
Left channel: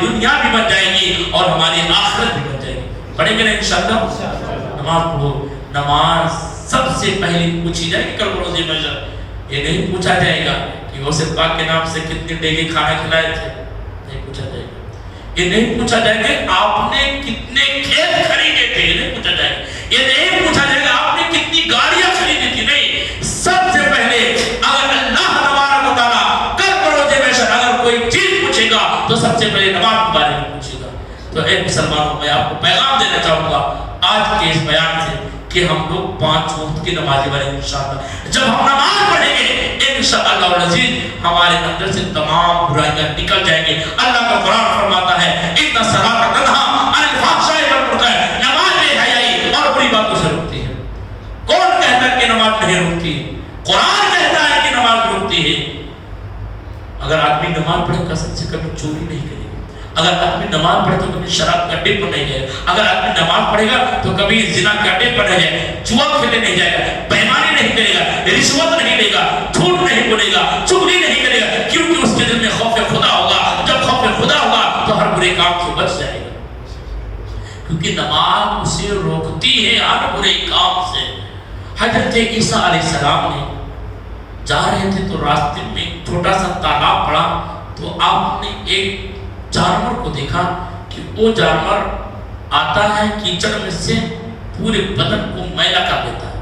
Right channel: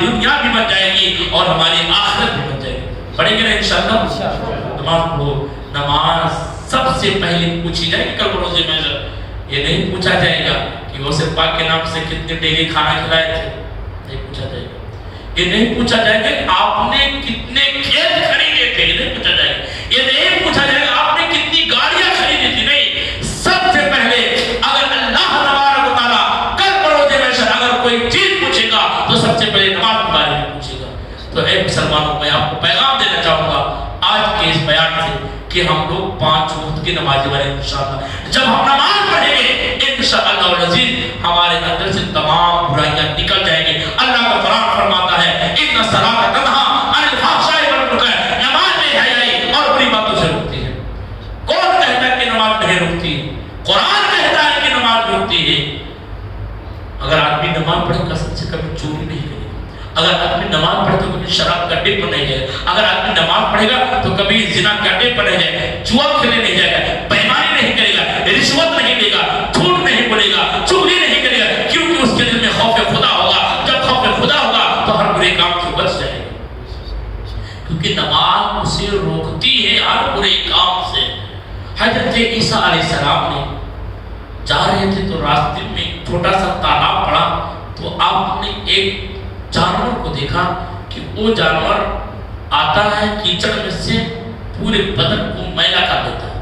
دنیا بھی بن جائے گی اور ہماری آخرت بھی بن جائے گی. پڑھیں گے نا انشاءاللہ؟ نماز پڑھو. نماز سب سے پہلے پوچھی جائے گی کل روزے میں. یہ نہیں پوچھا جائے گا کہ غوث پاک کے نام سے کتنے ڈیگے کھانا کھلائے تھے. نہیں پوچھا جائے گا. یہ نہیں پوچھا جائے گا آپ نے کتنے کھیت خریدے تھے. یہ نہیں پوچھا جائے گا. یہ نہیں پوچھا جائے گا آپ نے کتنی گاڑیاں خریدی تھی. نہیں. سب سے پہلے اگر اللہ تبارک و تعالیٰ کل روزے میں سے اگر کوئی چیز پوچھے گا تو سب سے پہلے نماز کے بارے میں پوچھے گا. تو اے مسلمانوں, میں آپ کو پیغام دینا چاہوں گا آج کے اس بیان سے کہ ہم لوگ 5 وقت کی نمازی بنے انشاءاللہ. جب ہم نماز پڑھیں گے انشاءاللہ العزیز ہمارے اندر سے تمام برائیاں نکل جائیں گے. اللہ کا قرآن فرماتا ہے ان الصلاۃ تنہی عن الفحشاء والمنکر, نماز بے حیائی اور بری باتوں سے روکتی ہے. کون کہتا ہے کہ نماز نہیں روکتی ہے؟ قرآن کہتا ہے کہ نماز روکتی ہے. اگر آدمی نماز پڑھے قسم سے کبھی چوری نہیں کرے, اگر آدمی نماز پڑھے تو کبھی شراب کا اڈے پر نہیں جائے, اگر آدمی نماز پڑھے گا تو کبھی زنا کا اڈے پر نہیں جائے, جوا کھیلنے نہیں جائے گا, بےایمانی نہیں کرے گا, رشوت نہیں لے گا, جھوٹ نہیں بولے گا, چغلی نہیں کرے گا, کیونکہ اس کے دل میں خوف خدا ہوگا. جب خوف خدا ہوگا تو ہر برے کام سے بچ جائے گا, کیونکہ نماز اسے روکتی ہے ہر برے کام سے. حضرت عیسیٰ علیہ السلام نے جا رہے تھے تو راستے میں ایک چھوٹا سا تالاب پڑا, تو آپ نے ایک جانور کو دیکھا کہ وہ جانور آتا ہے کیچڑ میں سے پورے بدن کو میلا کر دیتا ہے.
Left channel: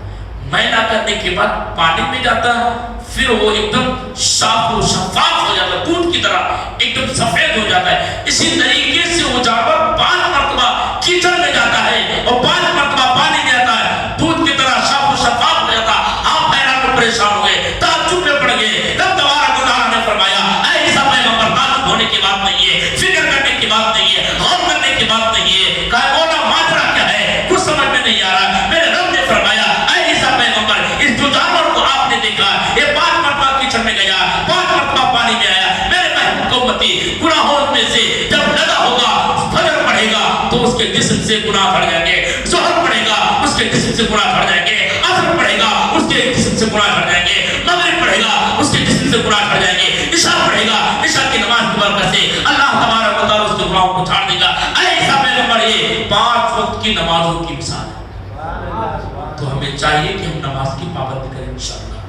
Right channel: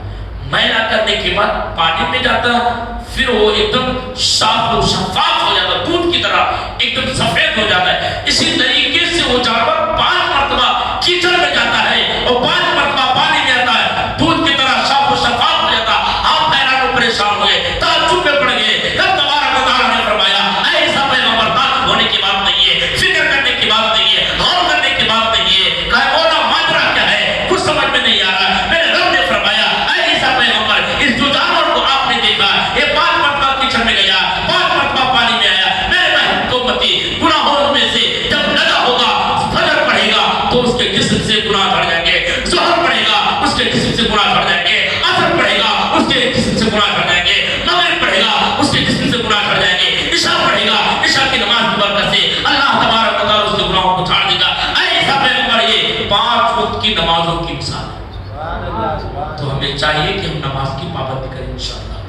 میلا کرنے کے بعد پانی میں جاتا ہے, پھر وہ ایک دم صاف و شفاف ہو جاتا ہے, دودھ کی طرح ایک دم سفید ہو جاتا ہے. اسی طریقے سے وہ جانور 5 مرتبہ کیچڑ میں جاتا ہے اور 5 مرتبہ پانی میں آتا ہے, دودھ کی طرح صاف و شفاف ہو جاتا ہے. آپ حیران و پریشان ہوئے, تعجب میں پڑ گئے. جب تبارک و تعالیٰ نے فرمایا اے عیسیٰ پیغمبر, تعجب ہونے کی بات نہیں ہے, فکر کرنے کی بات نہیں ہے, غور کرنے کی بات نہیں ہے, کہا مولا ماجرا کیا ہے, کچھ سمجھ میں نہیں آ رہا ہے. میرے رب نے فرمایا اے عیسیٰ پیغمبر, اس جو جانور کو آپ نے دیکھا یہ 5 مرتبہ کیچڑ میں گیا, 5 مرتبہ پانی میں آیا. میرے امتی گناہوں میں سے جب لگا ہوگا, فجر پڑھے گا تو اس کے جسم سے گناہ جھڑ جائیں گے, ظہر پڑھے گا اس کے جسم سے گناہ جھڑ جائیں گے, عصر پڑھے گا اس کے جسم سے گناہ جھڑ جائیں گے, مغرب پڑھے گا اس کے جسم سے گناہ جھڑ جائیں گے, عشاء پڑھے گا, عشاء کی نماز کی برکت سے اللہ تبارک و تعالیٰ اس کے گناہوں کو چھاڑ دے گا. اے عیسیٰ پیغمبر, یہ 5 وقت کی نمازوں کی مثال ہے. تو ہمیں چاہیے کہ ہم نماز کی پابندی کریں انشاءاللہ.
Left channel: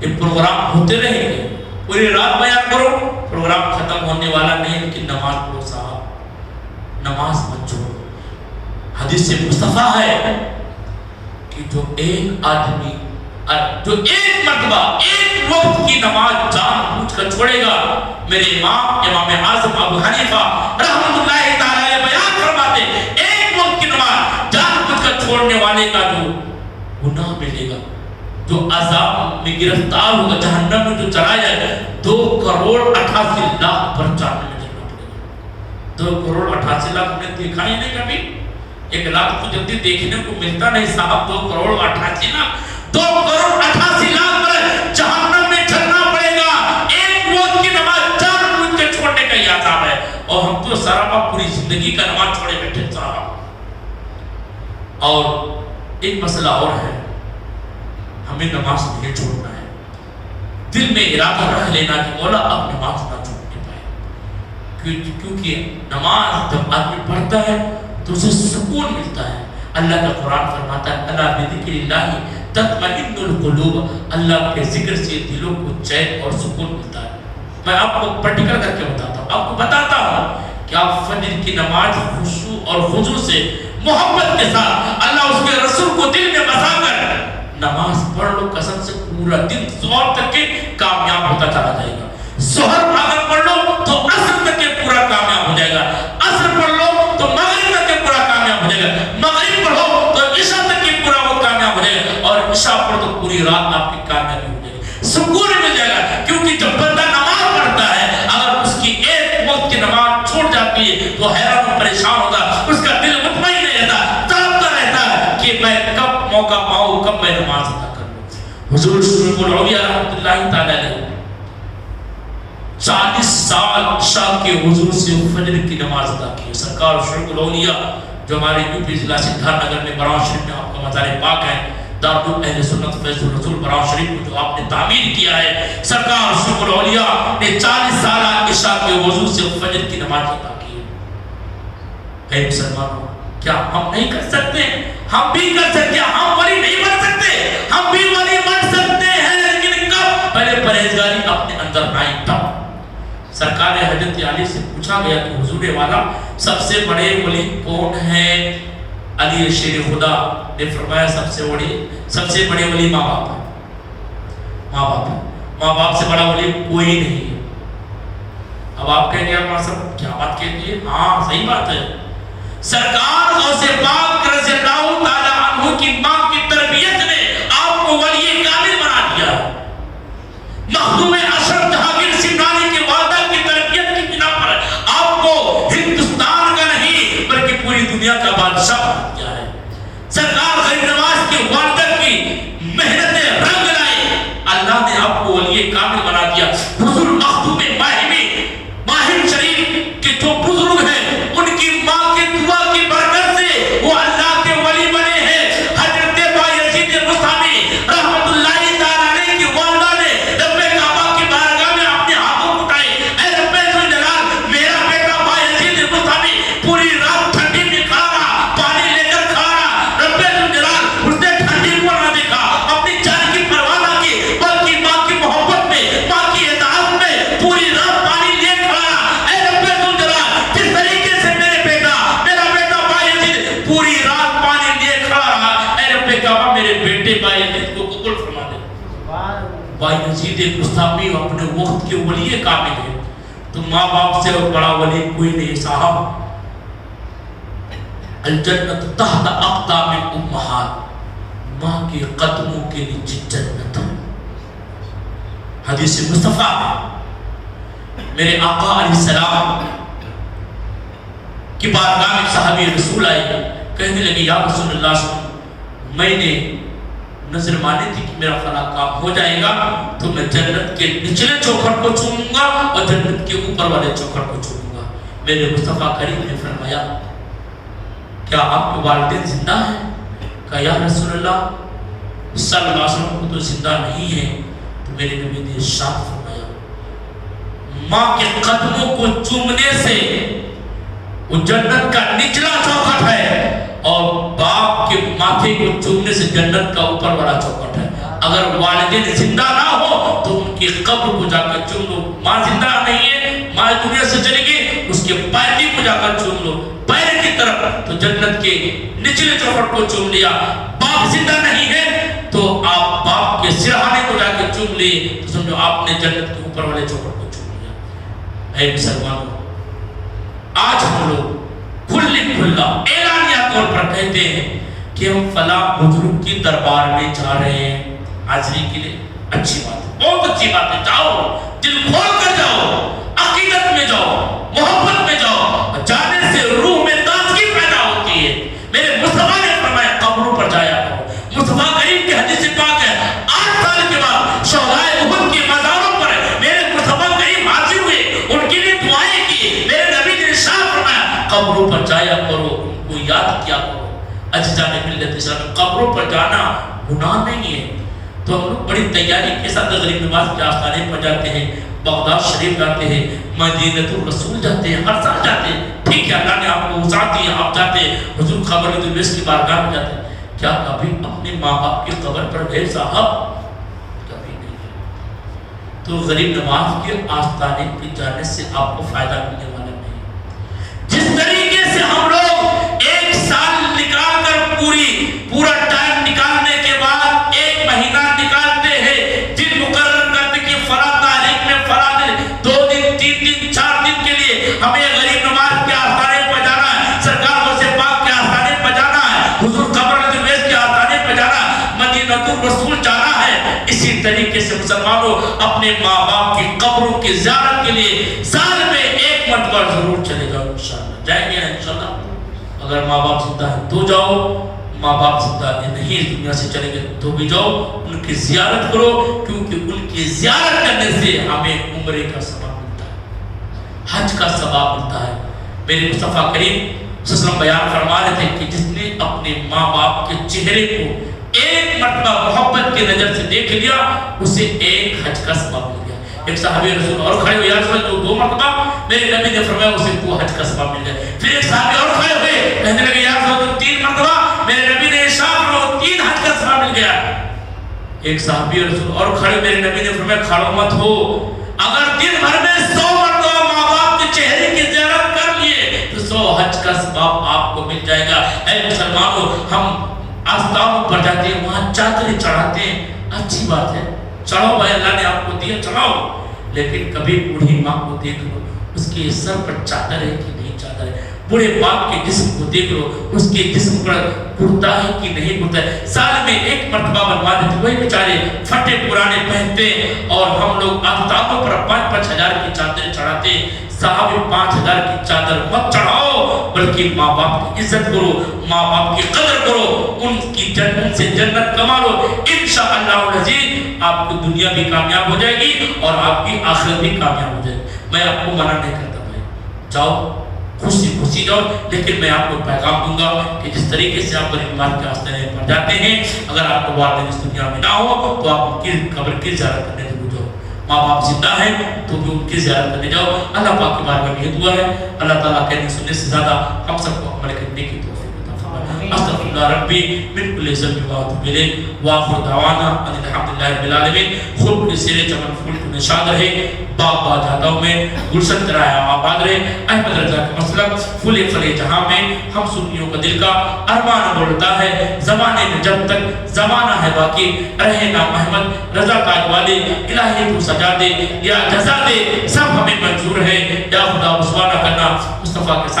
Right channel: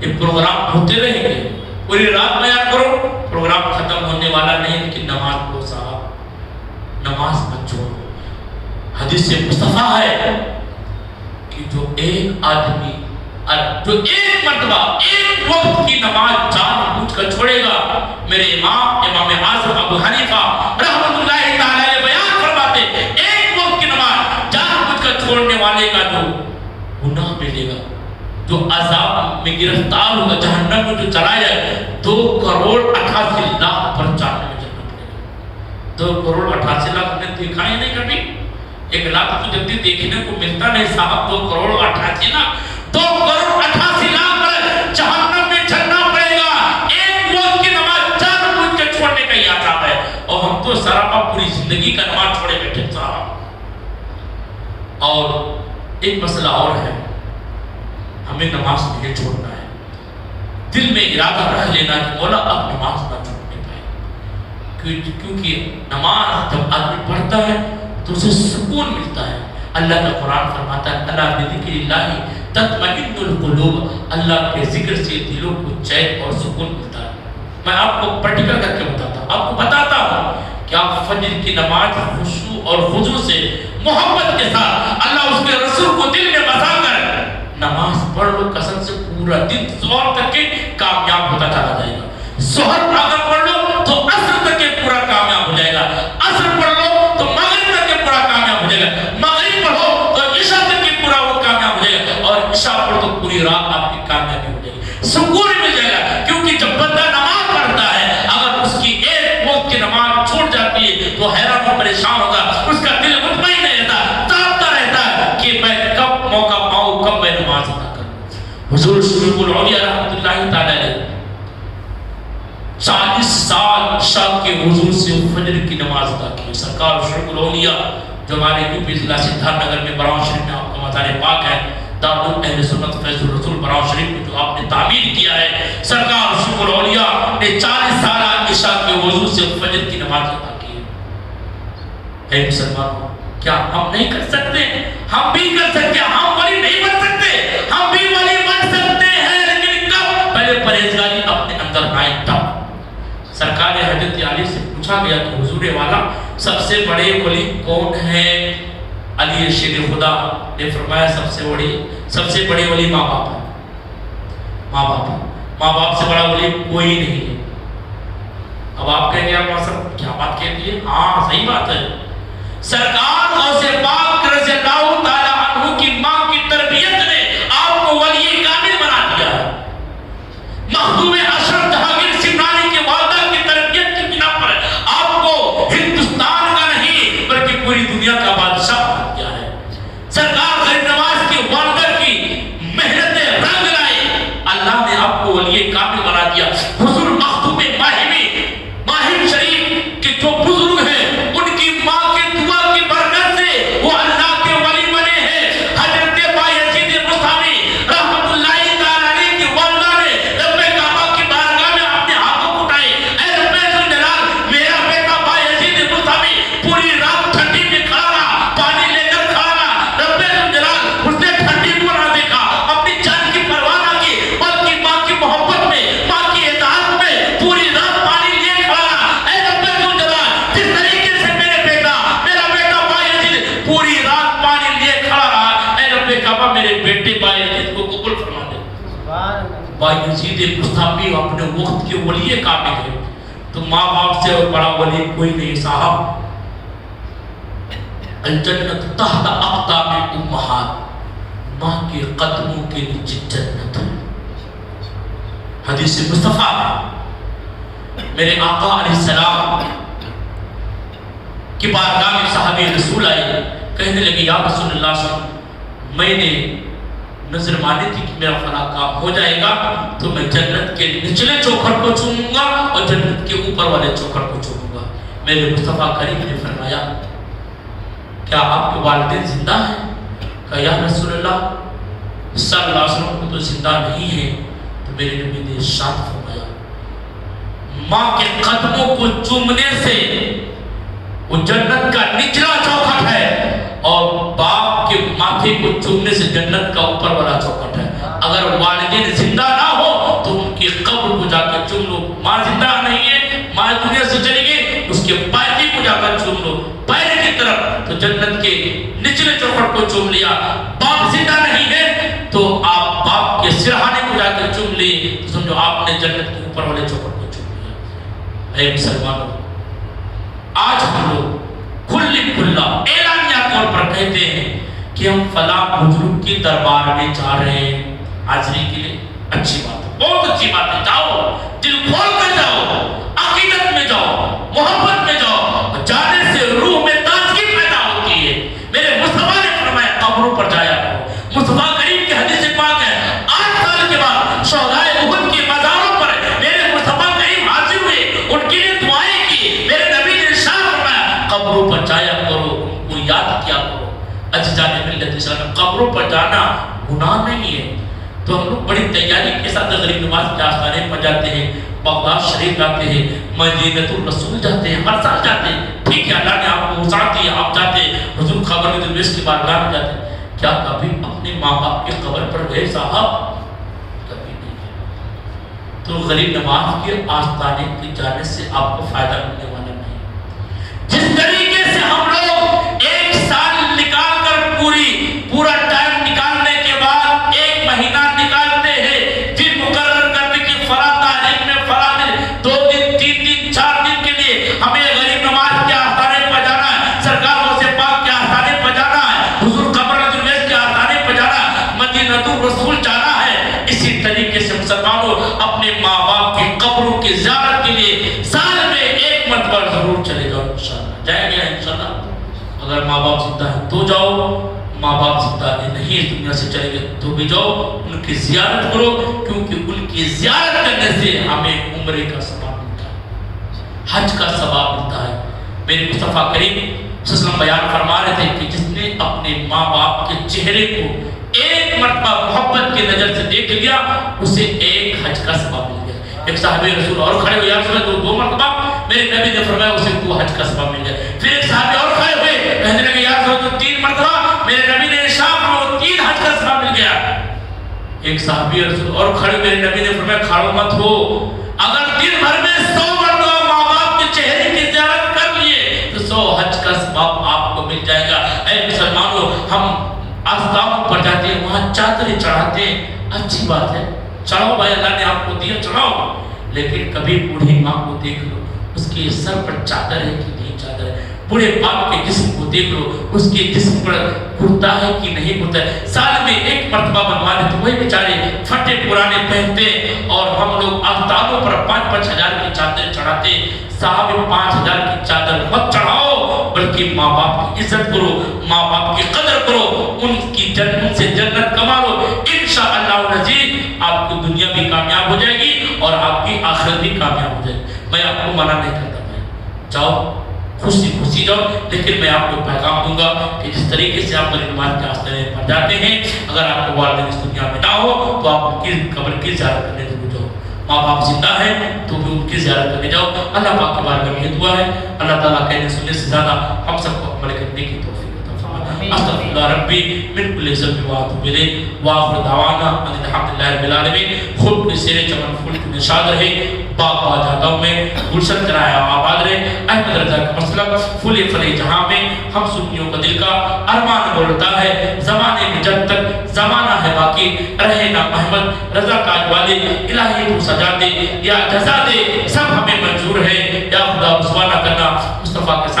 یہ پروگرام ہوتے رہیں گے, پوری رات بیان کرو, پروگرام ختم ہونے والا نہیں, لیکن نماز کو صاحب نماز مت چھوڑو. حدیث مصطفیٰ ہے کہ جو ایک آدمی جو ایک مرتبہ ایک وقت کی نماز جان بوجھ کر چھوڑے گا, میرے امام اعظم ابو حنیفہ رحمۃ اللہ تعالی بیان فرماتے ایک وقت کی نماز جان بوجھ کر چھوڑنے والے کا جو گناہ ملے گا, جو عذاب میں گرفتار ہوگا, جہنم میں جو چلا جائے, 2,88,00,000 پر جانے میں جلنا پڑے گا. 2,88,00,000 ہم نے دیکھا ہی نہیں کبھی. 1,00,000 تو جلدی دیکھنے کو ملتا نہیں صاحب. 2,88,00,000 2,88,00,000 پر جہنم میں چلنا پڑے گا. ایک وقت کی نماز جان بوجھ کے چھوڑنے کا یہ عذاب ہے, اور ہم تو سراپا پوری زندگی کا نماز چھوڑے بیٹھے صاحب. اور ایک مسئلہ اور ہے, ہمیں نماز نہیں چھوڑنا ہے. دل میں ارادہ رکھ لینا کہ مولا اب نماز نہ چھوڑنے پائے, کیونکہ نماز جب آدمی پڑھتا ہے تو اسے سکون ملتا ہے. اللہ کا قرآن فرماتا ہے الا بذکر اللہ تطمئن القلوب, اللہ کے ذکر سے دلوں کو چین اور سکون ملتا ہے. میں آپ کو پریکٹیکل کر کے بتاتا ہوں, آپ کو بتاتا ہوں کہ آپ فجر کی نماز خشوع اور خضوع سے محبت کے ساتھ اللہ اس کے رسول کو دل میں بسا کر نماز پڑھ لو, قسم سے پورا دن ظہر تک کے کامیاب ہوتا چلا جائے گا. ظہر اگر پڑھ لو تو عصر تک کے پورا کامیاب ہو جائے گا, عصر پڑھ لو تو مغرب تک کے پورا کامیاب ہو جائے گا, مغرب پڑھو تو عشاء تک کے پورا وہ کامیاب ہو جائے گا, اور عشاء پڑھو تو پوری رات آپ کی کامیابی ہو جائے گی, سکون مل جائے گا. کیونکہ جب بندہ نماز پڑھتا ہے اگر اس کی ایک وقت کی نماز چھوٹ جاتی ہے تو حیران و پریشان ہوگا, اس کا دل مطمئن نہیں رہتا, چاہتا رہتا ہے کہ میں کب موقع پاؤں, کب میں نماز ادا کروں. حضور شریف العلیہ رحمۃ اللہ تعالی علیہ 40 سال عشاء کے وضو سے فجر کی نماز ادا کی. سرکار شریف العلیہ جو ہمارے یو پی ضلع سدھارتھ نگر میں براؤں شریف میں آپ کا مزار پاک ہے, دارالعلوم اہل سنت فیض الرسول براؤ شریف کو جو آپ نے تعمیر کیا ہے، سرکار شیخ الاولیاء نے 40 سالہ عشاء کے وضو سے فجر کی نماز ادا کی ہے۔ اے مسلمانوں، کیا ہم نہیں کر سکتے؟ ہم بھی کر سکتے ہیں۔ ہم ولی نہیں بن سکتے، ہم بھی ولی بن سکتے ہیں، لیکن کب؟ پہلے پرہیزگاری اپنے اندر آئے تب۔ سرکار حضرت علی سے پوچھا گیا کہ حضور والا سب سے بڑے ولی کون ہیں؟ علی شیر خدا نے فرمایا سب سے بڑے ولی ماں باپ ہیں۔ ماں باپ سے بڑا ولی کوئی نہیں ہے۔ اب آپ کہہ رہے ہیں صاحب کیا بات کہتی ہے؟ ہاں صحیح بات ہے۔ سرکار غوث پاک رضی اللہ تعالیٰ عنہ کی ماں کی تربیت نے آپ کو ولی کامل بنا دیا ہے۔ مخدوم اشرف جہانگیر سمنانی کی والدہ کی تربیت کی بنا پر آپ کو ہندوستان کا نہیں بلکہ پوری دنیا کا بادشاہ بنا دیا ہے۔ سرکار غریب نواز کی والدہ کی محنتیں رنگ لائے، اللہ نے آپ کو ولی کامل بنا دیا۔ حضور مخدوم ماہر شریف کے جو بزرگ ہیں ان کی ماں کی دعا کی برکت سے وہ اللہ کے ولی بنے ہیں۔ حضرت بایزید البستامی رحمت اللہ تعالیٰ علیہ کی والدہ نے رب کعبہ کی بارگاہ میں اپنے ہاتھوں اٹھائے، اے رب ذوالجلال میرا بیٹا بایزید البستامی پوری رات ٹھنڈی میں کھا رہا، پانی لے کر کھا رہا، رب ذوالجلال اس نے ٹھنڈی کو نہ دیکھا، اپنی جان کی پرواہ نہ کی، بلکہ ماں کی محبت میں، ماں کی اطاعت میں پوری رات پانی لے کھا رہا۔ اے رب ذوالجلال جس طریقے سے میرا بیٹا بایزید پوری رات پانی لے کھڑا رہا، اے رب کعبہ میرے بیٹے بایزید کو قبول فرما دے۔ بایزید بستامی اپنے وقت کے ولی کامل ہے، تو ماں باپ سے اور بڑا ولی کوئی نہیں صاحب۔ الجنت تحت اقدام الامہات، ماں کے قدموں کے نیچے جنت ہے۔ حدیث مصطفیٰ میرے آقا علیہ السلام کی بارگاہ میں صحابی رسول آئے، کہنے لگے یا رسول اللہ صلی اللہ علیہ وسلم میں نے نظر مانی تھی کہ میرا فلاں کام ہو جائے گا تو میں جنت کے نچلے چوکھٹ کو چوموں گا اور جنت کے اوپر والے چوکھٹ کو چوموں گا۔ میرے مصطفیٰ کریم نے فرمایا کیا آپ کے والدین زندہ ہیں؟ کہا یا رسول اللہ صلی اللہ علیہ وسلم کو تو زندہ نہیں ہے۔ تو میرے نبی نے ارشاد فرمایا ماں کے قدموں کو چومنے سے وہ جنت کا نچلا چوکھٹ ہے، اور باپ کے ماتھے کو چومنے سے جنت کا اوپر والا چوکھٹ ہے۔ اگر والدین زندہ نہ ہو تو ان کی قبر کو جا کر چوم لو۔ ماں زندہ نہیں ہے، ماں دنیا سے چلی گئی، اس کے پائے کو جا کر چوم لو پائے کی طرف، تو جنت کے نچلے چوکھٹ کو چوم لیا۔ باپ زندہ نہیں ہے تو آپ باپ کے سرہانے کو جا کر چوم لیے، تو سمجھو آپ نے جنت کے اوپر والے چوکھٹ کو چوم لیا۔ اے مسلمانوں، آج ہم لوگ کھلا اعلانیہ طور پر کہتے ہیں کہ ہم فلاں بزرگ کی دربار میں جا رہے ہیں حاضری کے لیے۔ اچھی بات ہے، بہت اچھی بات ہے، جاؤ، دل کھول کر جاؤ، عقیدت میں جاؤ، محبت میں جاؤ، اور جانے سے روح میں تازگی پیدا ہوتی ہے۔ میرے مصطفیٰ نے فرمایا قبروں پر جایا کرو۔ مصطفیٰ کریم کی حدیث پاک ہے 8 سال کے بعد شہدائے احد کے مزاروں پر میرے مصطفیٰ کریم حاضر ہوئے، ان کے لیے دعائیں کی۔ میرے نبی نے ارشاد فرمایا قبروں پر جایا کرو، ان کو یاد کیا کرو۔ اجزاء ملت اسلام، قبروں پر جانا گناہ نہیں ہے۔ تو ہم لوگ بڑی تیاری کے ساتھ غریب نواز کے آستانے پر جاتے ہیں، بغداد شریف جاتے ہیں، مدینۃ الرسول جاتے ہیں، ہر سال جاتے ہیں۔ ٹھیک ہے، اللہ نے آپ کو وسعت دی، آپ جاتے ہیں، حضور خبر الویس کی بارگاہ میں جاتے ہیں۔ کیا کبھی اپنے ماں باپ کی قبر پر گئے صاحب؟ کبھی نہیں گئے۔ تو غریب نواز کے آستانے کے جانے سے آپ کو فائدہ ملنے والا نہیں۔ جس طریقے سے ہم لوگ ایک سال نکال کر پورا ٹائم نکالنے کے بعد ایک مہینہ نکالتے ہیں دن مقرر کرتے کہ فلاں تاریخ میں فلاں دن 2 دن 3 دن 4 دن کے لیے ہمیں غریب نواز کے آستانے پر جانا ہے، سرکار غوث پاک کے آستانے پر جانا ہے، حضور قبر الویس کے آستانے پر جانا ہے، مدینۃ الرسول جانا ہے۔ اسی طریقے سے مسلمانوں اپنے ماں باپ کی قبروں کی زیارت کے لیے سال میں 1 مرتبہ ضرور چلے جاؤ۔ انشاءاللہ جائیں گے انشاءاللہ۔ اگر ماں باپ زندہ ہیں تو جاؤ، ماں باپ زندہ نہیں اس دنیا سے چلے گئے تو بھی جاؤ، ان کی زیارت کرو، کیونکہ ان کی زیارت کرنے سے ہمیں عمرے کا ثواب ملتا ہے، حج کا ثواب ملتا ہے۔ میرے مصطفیٰ کریم صلی اللہ علیہ وسلم بیان فرما رہے تھے کہ جس نے اپنے ماں باپ کے چہرے کو ایک مرتبہ محبت کی نظر سے دیکھ لیا اسے ایک حج کا ثواب مل گیا. ایک صحابی رسول اور کھڑے ہوئے, یا رسول اللہ دو مرتبہ میرے نبی نے فرمایا اسے دو حج کا ثواب مل گیا. پھر ایک صحابی اور کھڑے ہوئے, کہنے لگے یا رسول اللہ تین مرتبہ میرے نبی نے ارشاد فرمایا تین حج کا ثواب مل گیا. ایک صحابی رسول اور کھڑے, میرے نبی نے فرمایا کھڑو مت ہو, اگر دن بھر میں 100 مرتبہ ماں باپ کے چہرے کی زیارت کر لیے تو 100 حج کا ثواب آپ کو مل جائے گا. اے مسلمانوں, ہم آستانوں پر جاتے ہیں, وہاں چادریں چڑھاتے ہیں, اچھی بات ہے, چڑھاؤ بھائی, اللہ نے آپ کو دیا چڑھاؤ, لیکن کبھی بوڑھی ماں کو دیکھ لو اس کے سر پر چادر ہے کہ نہیں چادر ہے. بوڑھے باپ کے جسم کو دیکھ لو اس کے جسم پر کرتا ہے کہ نہیں کرتا ہے. سال میں ایک مرتبہ بنوا دیتے, وہی بیچارے پھٹے پرانے پہنتے, اور ہم لوگ آفتابوں پر 5-5 ہزار کی چادر چڑھاتے. صاحب 5 ہزار کی چادر مت چڑھاؤ, بلکہ ماں باپ کی عزت کرو, ماں باپ کی قدر کرو, ان سے جنت کما لو. انشاءاللہ العزیز آپ کی دنیا بھی کامیاب ہو جائے گی اور آپ کی آخرت بھی کامیاب ہو جائے گی. میں آپ کو منع نہیں کرتا بھائی, جاؤ خوشی جاؤ, لیکن میں آپ کو پیغام دوں گا کہ جس طریقے سے آپ غریب مار کے آستانے پر جاتے ہیں, اگر آپ کو والدین اس دنیا میں نہ ہو تو آپ ان کی قبر کی زیارت کرنے ضرور جاؤ. ماں باپ زندہ ہیں تو بھی ان کی زیارت کرنے جاؤ. اللہ پاک کے بارے میں یہ دعا ہے, اللہ تعالیٰ کہنے سننے سے زیادہ ہم سب کو عمل کرنے کی توفیق عطا فرمائے. استغفراللہ ربی من کل ذنب واتوب الیہ, واخر دعوانا ان الحمدللہ رب العالمین. خوب سیر چمن پھول کی نشاد رہے, باغ جاگاؤں میں گلشن کرایا آباد رہے. احمد رضا کا مسلم پھولے پھلے جہاں میں ہم سنیوں کا دل کا ارمان بولتا ہے, زمانے میں جب تک زمانہ ہے باقی رہے نا محمد رضا کا اقوالے. الہی تو سجا دے یا جزا دے, سب ہمیں منظور ہے. یا خدا رسوا نہ کرنا, مصطفیٰ کے